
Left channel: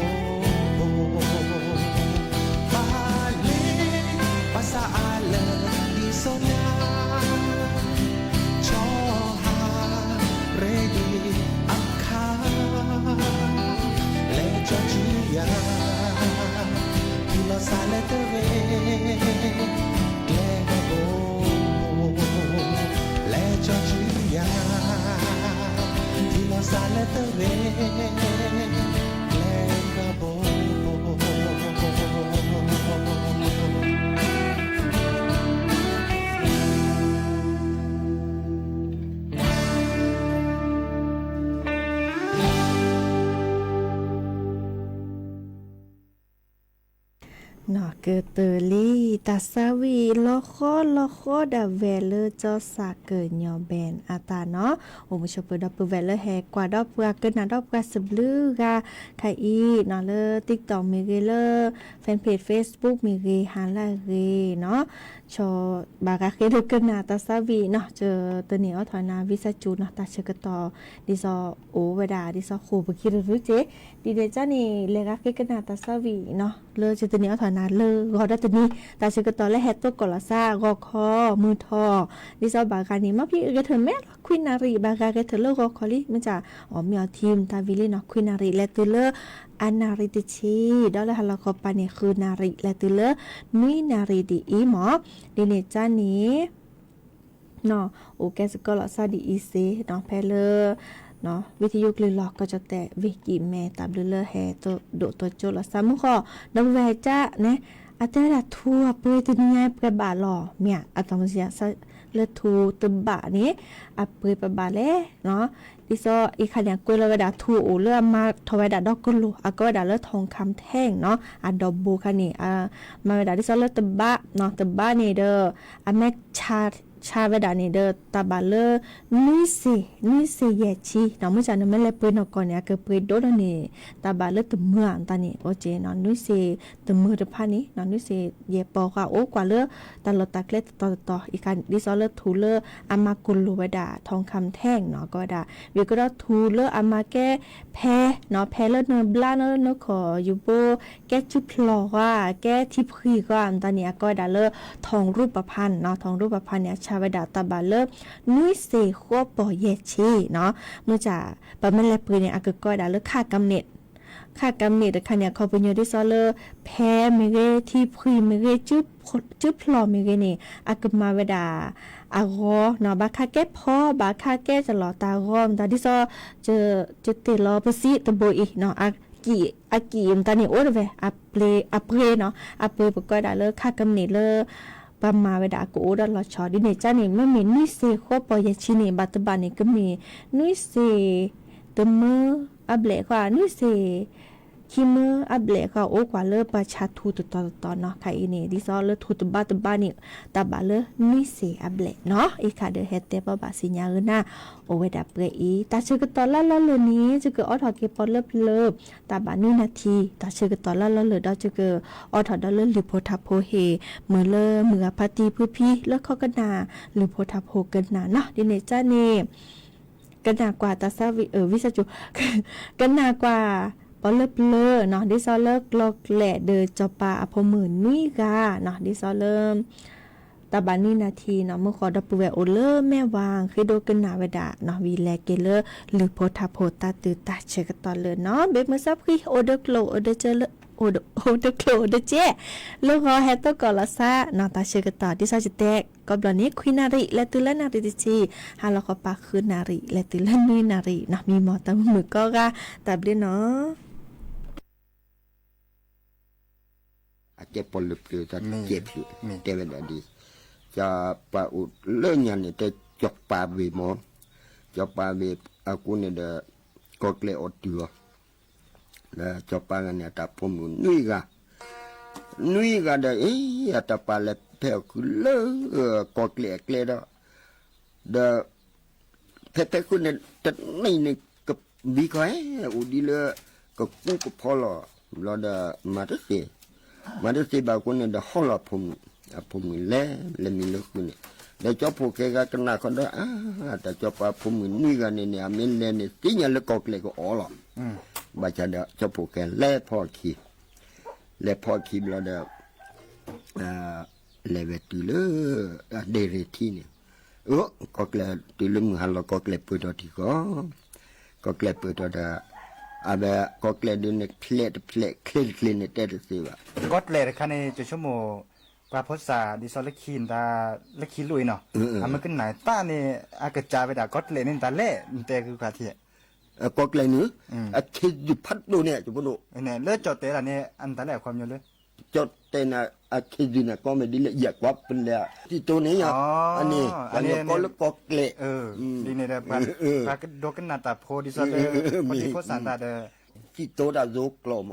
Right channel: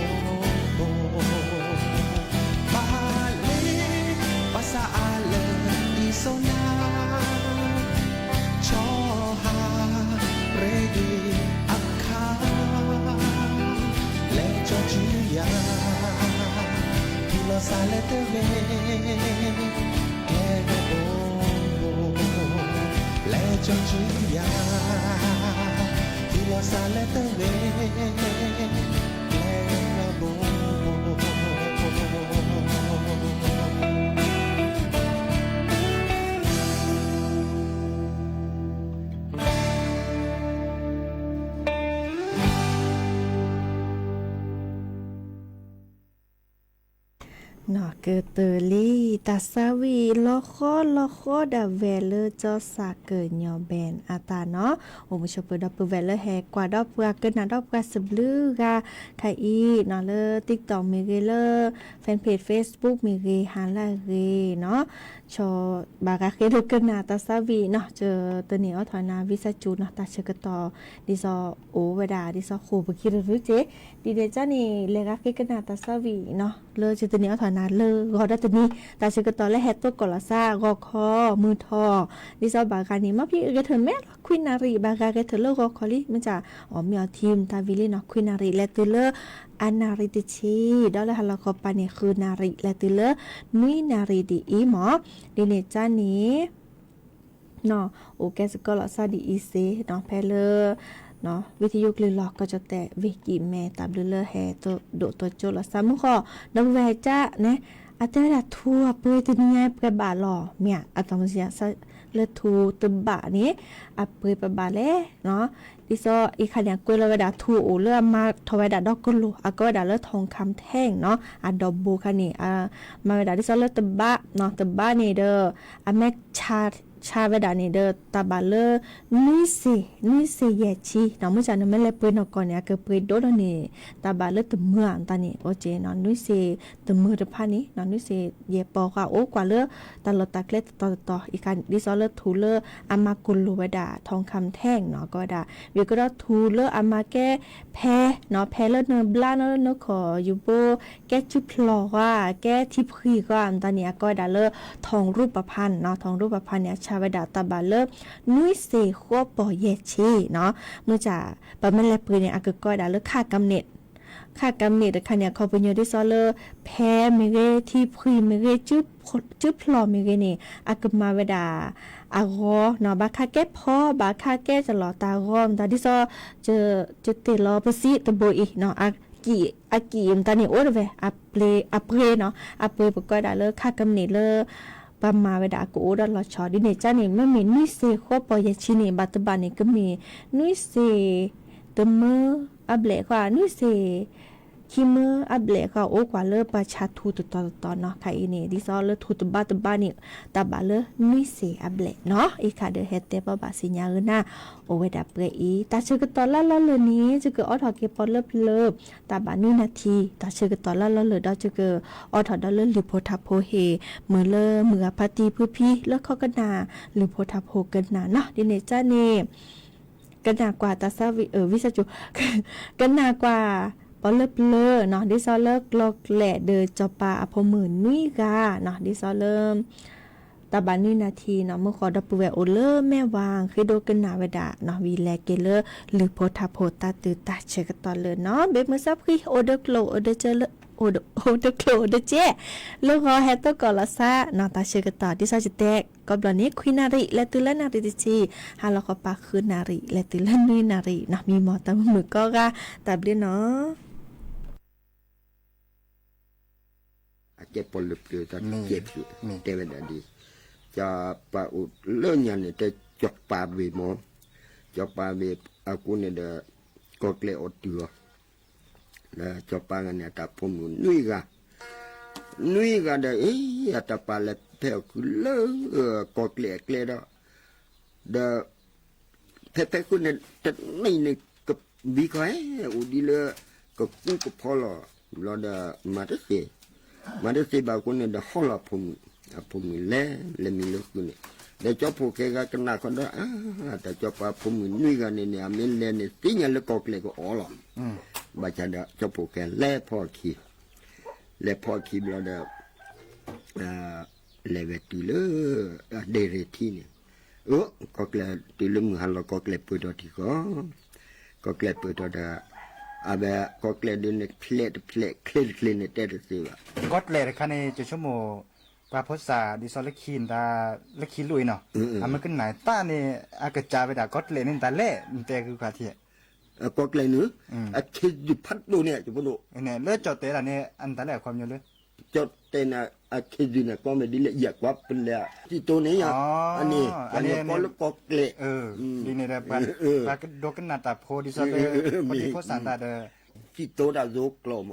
บาเลภาษาอาเลดีโซนาชอฮาเรดีอักคาและจอจือยาที่เราสาเลเตเวแกลกาโบและจอจือยาที่เราสาเลเตเวแกลกาโบนอเกเตอรี่ตาซาวีลอคอดาเวเลจอสาเกิญอแบนอาตาเนาะโอมชอเปดอปเวเลแฮกว่าดอปกาเกินนาดอปกาสบลือกาไคอีนอเล TikTok มีเกเลแฟนเพจ Facebook มีเกฮาลาเกเนาะชอบากาเคเดเกินนาตาซาวีเนาะเจอตัวนี้เอาถอยนาวิสาจูเนาะตาเชกตอดิซอโอเวดาดิซอโคบคิรรุเจดีเดจานี่เลกาเคเกินนาตาซาวีเนาะเลเจตัวนี้เอาถอยนาเลกอดัตนี้ตาเชกตอและแฮตตัวกอลาซากอคอมือทอดิซอบากานี่มาพี่เกเธอแม่ควินารีบากาเกเธอเลกอคอลิมันจะอ๋อมีเอาทีมตาวิลีเนาะควินารีและตัวเลอานาริติชีดอลฮัลโคปานี่คือนาริและตัวเลนุยนาริดีอีหมอดิเนจานี้เนาะโอเคสกอลซาดีอีเซเนาะเพลเนาะวิทยุกลือหลอกก็จะแต่วิกิแม่ตับเลแฮตัวโดตัวโจลซามุขอดอแวจ้าเนี่ยอาจารย์ทั่วเปิดตัวนี้เปิดบาหล่อเมียอาตมาเสียเลทูตบะนี้อ่ะเปิดบาเล่เนาะดิซออีขันอย่างกุลเวดาทูโอเลือมาทวดาดอกกุลูอ่ะก็เวดาเลือทองคำแท่งเนาะอ่ะดอกบูคันนี่มาเวดาดิซอเลือตบะเนาะตบะนี่เด้ออ่ะแม่ชาเวดานี่เด้อตาบาเลนุยเซเยชีเนาะมื้อจันแม่เลเปิ้นก่อนเนี่ยก็เปิ้นโดดนี่ตาบาเลตเมืองตานี่โอเจเนาะนุยเซตมือตะพานี่เนาะนุยเซเยปอค่ะโอกว่าเลตาลตะเกล็ดต่ออีกันดิซอเลทูเลอามากุลเวดาทองคำแท่งเนาะก็ดาเวก็ดทูเลอามาแก้แพเนาะแพเลเนบลาเนาะขออยู่โบแก้จุพลอว่าแก้ทิพรีก็ตานี่ก็ดาเลทองรูปพรรณเนาะทองรูปพรรณเนี่ยชาเวดาตาบาเลนุยเซขัวปอเยชีเนาะเมื่อจะปะแม่แลปืนเนี่ยก็ดาเลค่ากำเนิดค่ะเนี่ยเขาเป็นอยู่ที่ซอเลอร์แพ้มิเรที่พรีมิเรจึ๊บพลอมิเรนี่อากมาเวดาอากอเนาะบาคาแก้พ่อบาคาแก้จะหลอตารอมตาที่ซอจะเตลอปสิตะโบอีเนาะอากีมตานี่โอเวอาเปรเนาะอาเปรปก็ได้เลอค่ากำเนิดเลอปามาเวดากูดอลชอดิเนจานี่ไม่มีนุยเซขัวปอยชินีบัตบานี่ก็มีนุยเซตมืออับเล็กว่านุยเซคิมอับเล็กว่าโอกว่าเลอประชาทูตอเนาะใครนี่ดิซอเลทูตบัตบานี่ตาบาเลนุยเซอับเล็กเนาะอีคาเดเฮเตปบาสิญาเอนะโอเวดาเปรอีตาเชกตอลาเลนี้จะเกออทอเกปอเลิบตาบานุนาทีตาเชกตอลาเลดอจะเกออทอดอเลหรือโพทาโพเฮเมื่อเลเมื่อปฏิพื้พี่เลเข้ากันนาหรือโพทาโพกันนาเนาะดิเนจานี่กันนากว่าตาซาวิสจุกันนากว่าปอเลิเนาะดิซอเลิกลอกแหละเดอจอปาอพมือนุยกาเนาะดิซอเริ่ม ตาบานี่นาทีเนาะเมื่อขอดับเวโอเลอร์แม่วางคือโดกันนาเวดาเนาะวีแลเกเลอร์หรือโพธาโพตาตือตาเชกตอนเลยเนาะเบ็ดมือซับคือโอเดโกลโอเดเจเลโอเดโกลโอเดเจลูกขอแฮตโตกอลาซาเนาะตาเชกตอที่ซาจิเตกก็บลอนี้คุยนาริและตือและนาริติชีฮาลอคอปาคือนาริและตือและนุยนาริเนาะมีหมอตามือก็กะตาเบลเนาะเจ็บปวดหลุดอยู่ตอนเจ็บอยู่เจ็บแบบดีจะปะอุดเลื่อนยันเนี่ยจะจกปลาเวมอนจกปลาเวอากูเนี่ยเดก็เกลียดตัวแล้วจกปลาเนี่ยแต่ผมนุ้ยกันเดเอ๊ะแต่ปลาเล็กเท่าคือเลื่อก็เกลียดเดแท้คุณเนี่ยจะไม่เนี่ยกับบีใครอุดีเลยก็กู้ก็พอละเราเดมาได้สิมาได้สิบางคนเนี่ยเดห้องละผมเล่มีลูกนี่เดี๋ยวจบพวกแกก็น่าคนได้แต่จบผมนี่กันเนี่ยมีเล่เนี่ยสิ่งอย่างเล็กก็เล็กก็อ๋อละบาดเจ็บจบพวกแกเล่พอขี้เราเดเล่เวทีเลยเดรทีนี่ก็เล็กตีลึงหันเราก็เล็กเปิดตัวที่ก็เล็กเปิดตัวเดอาเบะก็เล็กดูเนี่ยเคลียเนี่ยเตะดูสิวะก็เลยคันในจุดชั่วโมงปลาพษาดิซอลคินตาละคินลุยเนาะมันก็ไหนตาเนี่ยอากาศจาไปด่าก็เลยนี่ตาเล่แต่คือขาเทียก็เลยนี่คิดอยู่พัดดูเนี่ยจุบดูเนี่ยเลือดจอดเตะละเนี่ยอันตาแหลความเยอะเลยจอดเตะนะคิดอยู่เนี่ยก็ไม่ดีเลยอยากวับเป็นเลยที่ตัวนี้อ่ะอันนี้ก็แล้วก็เลยดีเนี่ยปลาโดกันนาตาโพดิซอลพอดีโพสานตาเดที่โตได้โยกลม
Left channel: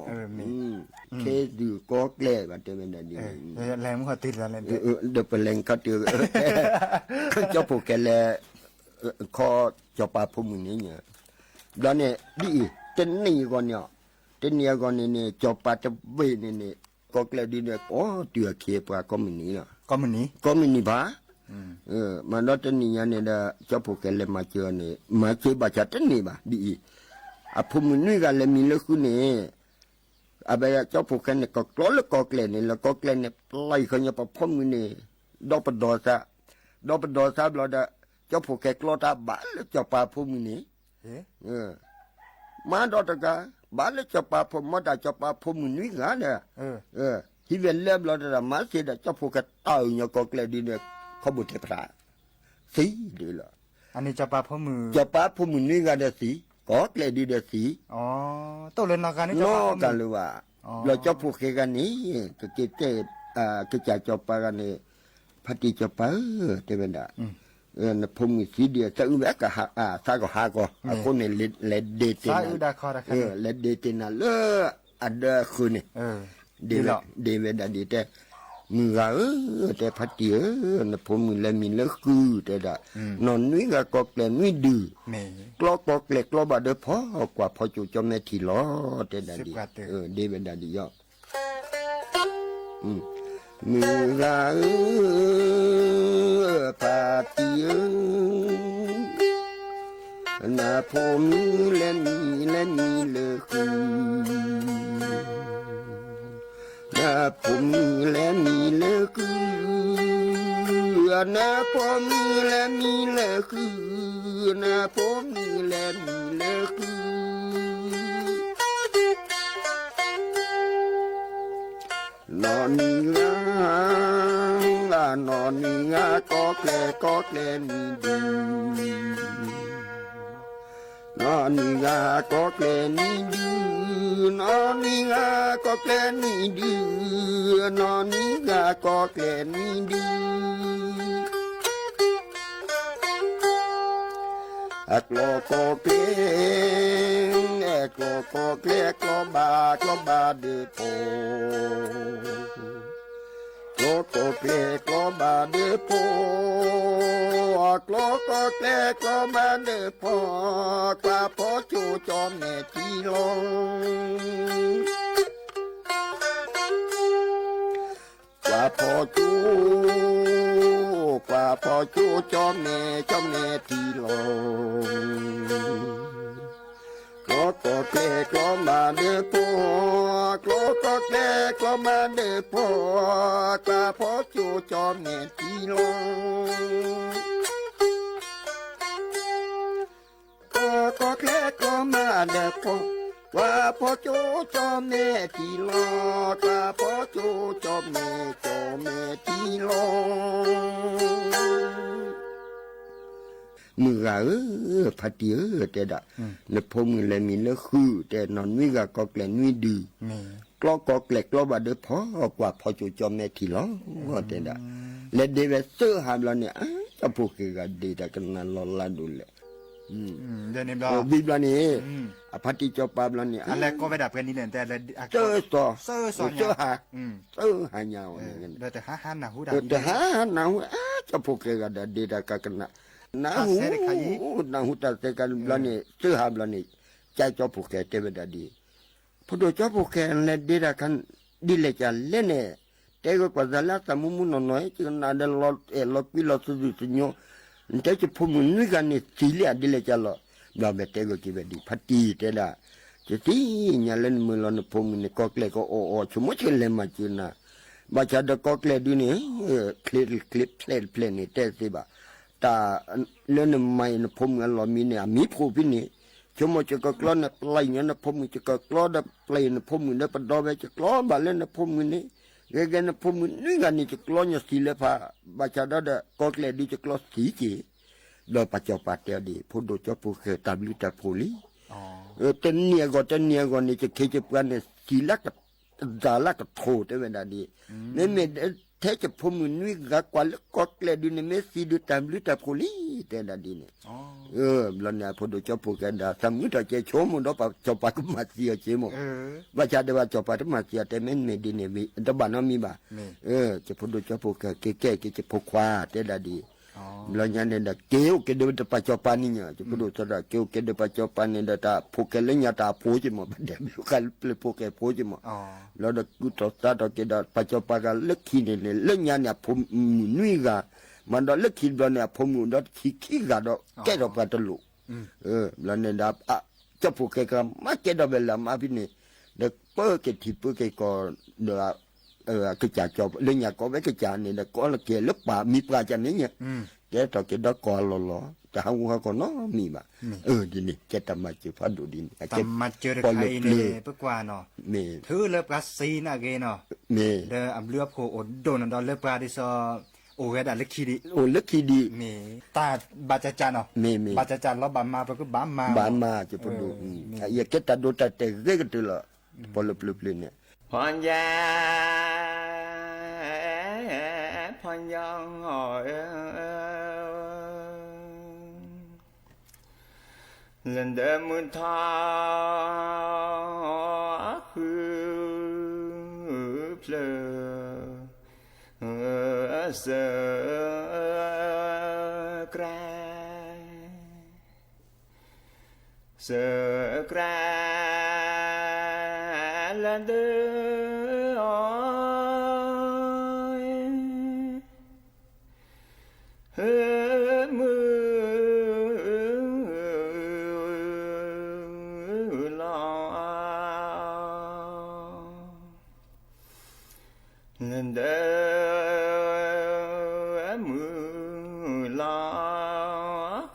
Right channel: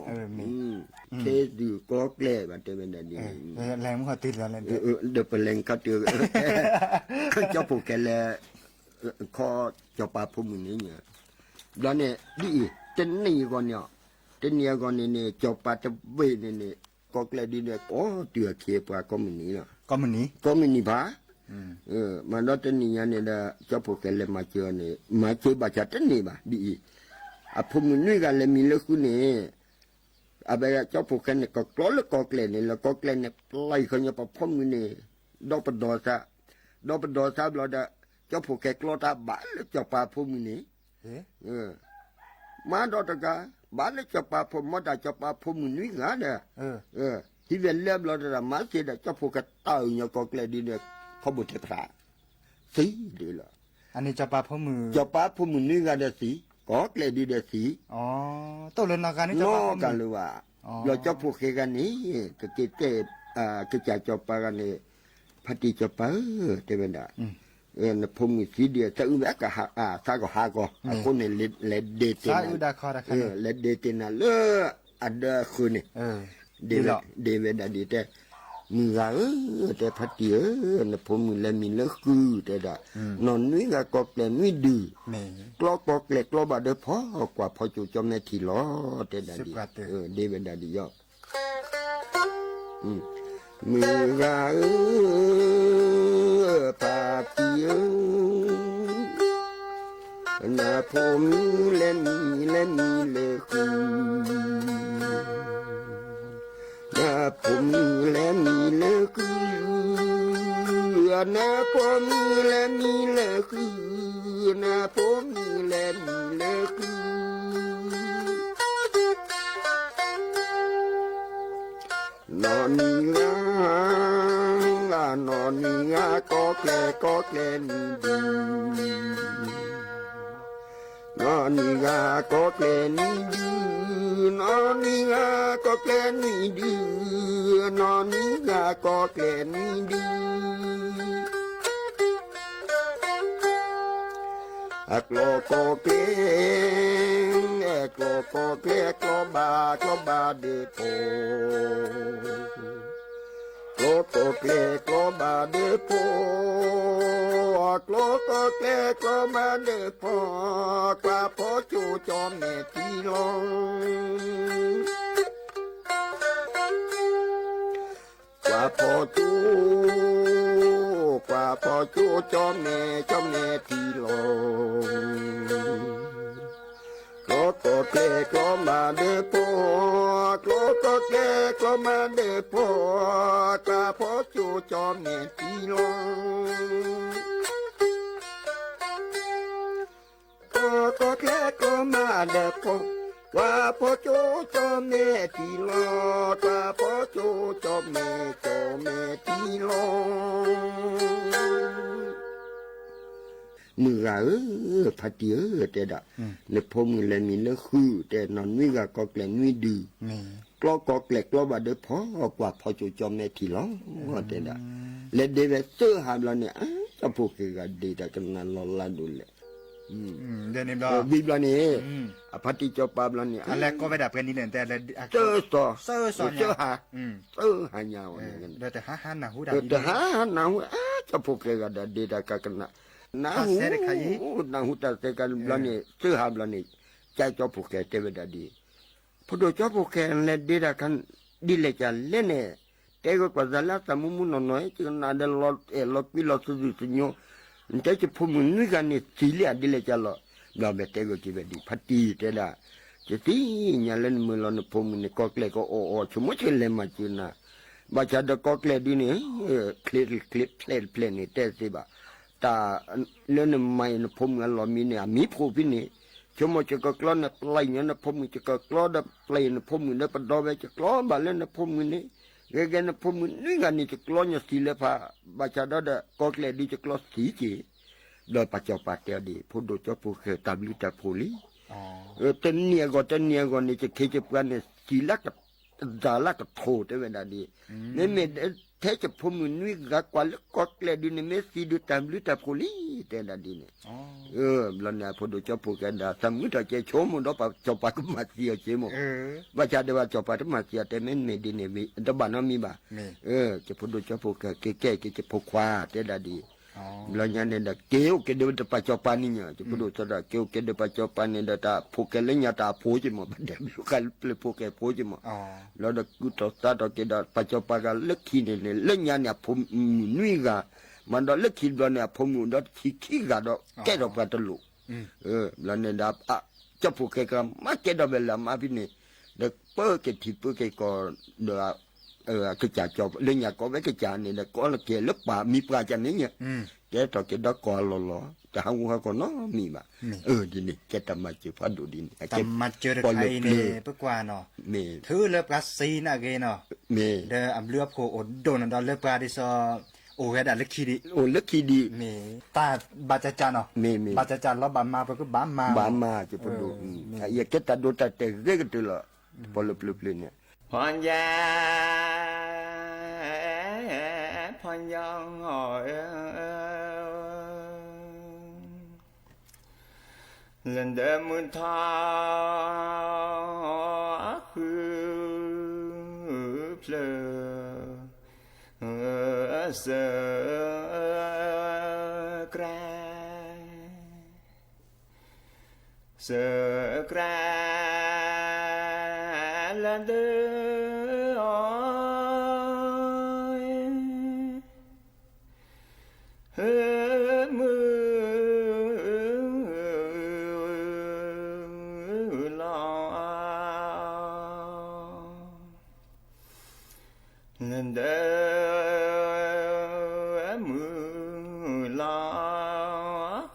เคดูก็เกล้แบบเต็มเลยนี่แรงมันก็ติดแล้วเดี๋ยวเป็นแรงก็ติดก็จะผูกแกเลยข้อจะปาพุ่มนี้เนี่ยแล้วเนี่ยดีเต็นนี่ก่อนเนี่ยจะปาจะเวนี่ก็เกล้ดีเนี่ยโอ้เดือดเขียบก็มันนี้เนาะก็มันนี้บ้ามันแล้วเต็นนี่เนี่ยจะผูกแกเลยมาเจอเนี่ยมาเจอบาดจัดเต็นนี่บ้าดีผมนี่กันเลยมีเรื่องคุณเนี่ยอาเบะเจ้าพวกกันเนี่ยก็กลัวแล้วก็เกลียดเนี่ยแล้วก็เกลียดเนี่ยไล่ขึ้นมาผมนี่ดอกปดอซะเราเจ้าพวกแกกลัวตาบ้าแล้วเจ้าป่าผมนี่มาดอกตะกาบ้าแล้วเจ้าป่าผมมาได้เจ้าป่าผมนี่กันเนี่ยที่เวียนเล็บเราจะมาเสียเจ้าพวกแกตายเนี่ยก็เกลียดดีเนี่ยเขาบุตรพระสีดีละอันนี้เจ้าป่าผมนี่กันเนี่ยสีก็เกลียดดีเดสีตัวเล่นนักการนี่จะว่ากันหรือว่าเราจะพูดกันนี้ก็เกิดก็จะจบไปกันนี่พัฒน์จบไปเต็มเลยนะผมมีสีเดียวจะอุ้มก็หาซาก็หาก็คนเนี่ยเล็ดเดตินะเล็ดเดตินะเลืออันเดอร์คืนนี่เดเวดาดีแต่มึงแต่พัฒน์นะผมมีเลยมีเลือกคือแต่ละนอนนี่ก็เกลียดนี่ดีกล้ก็เกลียดกล้อบาดเดพอกว่าพอจู่จอมในทีล้อแต่ละดีเดเวดาดียอมึงพัฒน์นะผมเล่นเลือกผมและมีเลือกนะผมและมีเลือกนะผมและมีเลือกนอนงาก็แกล้มีดีนอนงาก็แกล้มีดีนอนงาก็แกล้มีดีนอนงาก็แกล้มีดีกลัวก็เกล้ก็บาเดือโปก็เกล้ก็บาเดือโปกลัวก็เกล้ก็บาเดือโปกว่าพอจูจอมแม่ที่ลงกว่าพอจูจอมแม่ที่ลงก็เกล้ก็มาเดือโปก็เกล้ก็มาเดือโปกว่า พอจูจอมแม่ตีลงก็แค่ก็มาเด็กพงว่าพอจูจอมแม่ตีลงตาพอจูจอมแม่ตีลงมือพัดเยอะแต่ดะในพมเลยมีเนื้อคือแต่นอนวิ่งก็แกล้งวิ่งดีกล้ก็แกล้งกล้อบาดเดือพอกว่าพอจูจอมแม่ทีล้อว่าแต่ดะและเดวิดเซอร์หามเราเนี่ยจะพูดกันดีแต่กันนั้นเราลาดูเลยเดี๋ยวนี้เราบิบลานี่พัดที่จอปาบลานี่อะไรก็ไม่ดับกันนี่เนี่ยแต่เซอร์ต่อเซอร์สอนเซอร์หาเยาวเดี๋ยวแต่หาหนาหูดับแต่หาหนาหูจะพูดกันดีแต่กันนะนาหูตาเตกันบลานี่เสื้อหาบลานี่ใจจอผูกแกเทวดาดีพอดูจอผูกแกในดีระกันดีเลยจันเล่นเนี่ยแต่ก็กว่าจะละสมุมุนน้อยจึงนาเดลอลอปิลอสุดุสิโยมันจะพูดมึงนี่กันนี่สีเหลี่ยดีเลยจันละเราแบบเตก็คิดว่าดีพัดดีแต่ละจะที่เนี่ยเล่นมือเราเนี่ยพูดมึงนี่ก็เกลก็โอ้ชั่วโมงเช่นเล่นมาจีน่ะบาจาเด็กก็เกลดีนี่คลิปเพลงนี่เตะสิบ่าตาเล่นไม่นะผมงั้นเรามีเนี่ยมีผู้พินิชั่วโมงจะก็กล้อนนะปลายเนี่ยนะผมจะก็กล้อนะปลายนะผมเนี่ยประดอไปจะกล้อบาเล่นนะผมนี่เรื่องนะผมนี่กันนี่จะกล้อเนี่ยสีเลฟ้าบาจาดาเด็กก็เกลดีจะกล้อสีจีเดี๋ยวปัจจุบันเดียวดีพูดโดยเฉพาะเคยตามลิตาโพลีเต้นเนี่ยก็นี่จะเคยจะปลาเนี่ยสีลักกับจาลักกับโถได้เวลาดีเนี่ยเทจะพมุนวิกกว่าลก็เกลดินเมสีดูตามลิตาโพลีแต่ละดินแล้วเนี่ยพอดูจอพูกันดาสามีตัวเจ้าชมมันต้องจอปาตุมาเสียเชมว่าจะได้ว่าจอปาตุมาเสียแต่ไม่มีดินมีแต่บ้านนั้นมีบ่จะพอดูจอพูกันเก๋จะพกควาแต่ละดีแล้วเนี่ยเด็กเกี่ยวกันดูแต่ปัจจุบันนี่จะพอดูจะได้เกี่ยวกันดูปัจจุบันนี่เด็กตาพกกันเลยเนี่ยตาพูดจิมเด็กกันเลยพกกันพูดจิมแล้วเด็กกูตัวตาตัวเด็กปัจจุบันก็เล็กขี้เนี่ยเล็กเนี่ยผมนี่ก็มันดอกเล็กขี้เนี่ยผมดอกขี้ก็ดอกแก่ดอกปลาตลุแล้วเนี่ยดับจะพกกันมาแก่ดอกเวลามาพี่นี่เด็กเปิดกันที่เปิดกันก็เด็กcái chả cho lên nhà có cái chả này là có là kia lớp bà mi pra chả này nhá cái trò cái đó có lò chả không có nó mi mà đi nè cái tầm mà chịu phát đồ đi tầm mà chưa được hay nè bước qua nó thứ lớp cá xí nè ghê nó để ẩm lướp cổ ổn đồn đó lớp cá đi soโอ้ยด่าเล็กขี้ดีมีตาบาจจานเนาะบาจจานแล้วบามาไปก็บามาจะไปดูอย่าเก็ตตาดูแต่เรื่องกันตัวละพอเล็บเนี่ยพรยาพรยองหอยเล่นเดิมมือทอคือเพลเสือกรละเดือมือลอเดือมือลอ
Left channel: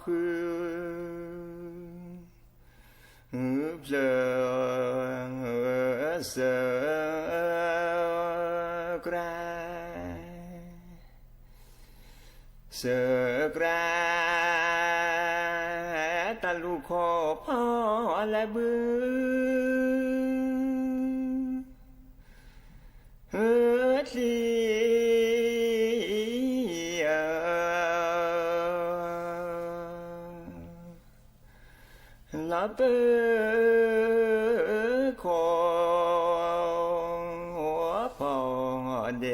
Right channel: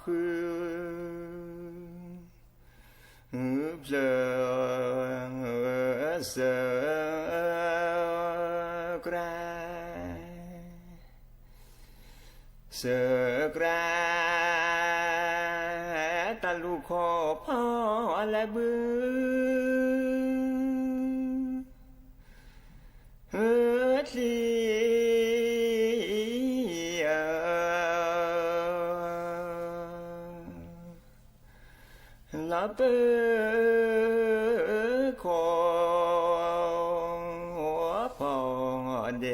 คือเพลเสือกราตาลูกขอพ่อและบือทีลับขอพ่อเด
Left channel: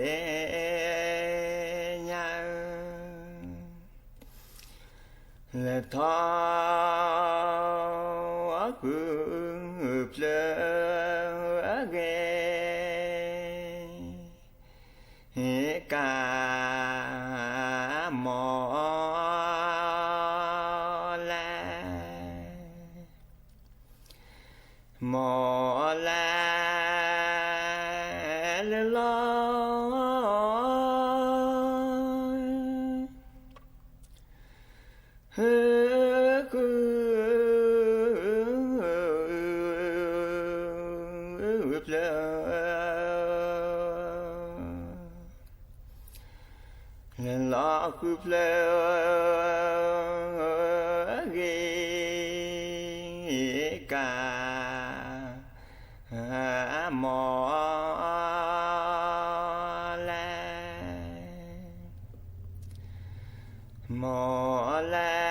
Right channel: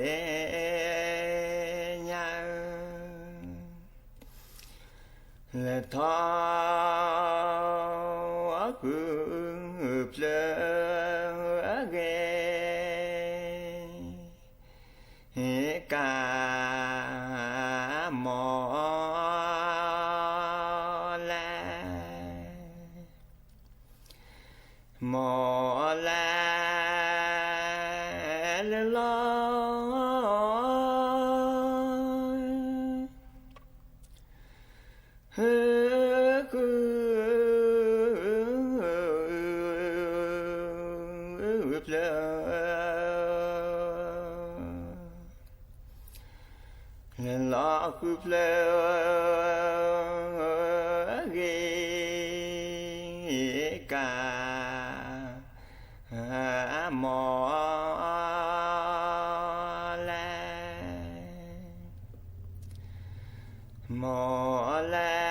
และทอคือเพลเกกามอแลลอ là cứ ghê cả mò la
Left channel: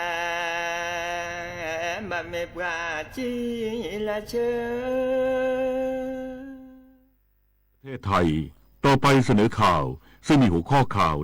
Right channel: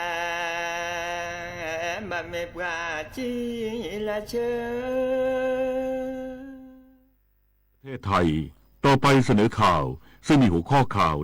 mà mẹ bà chỉ là chơi ประเทศไทยต่อไปเสนอข่าวซึ่งมีหัวข้อข่าว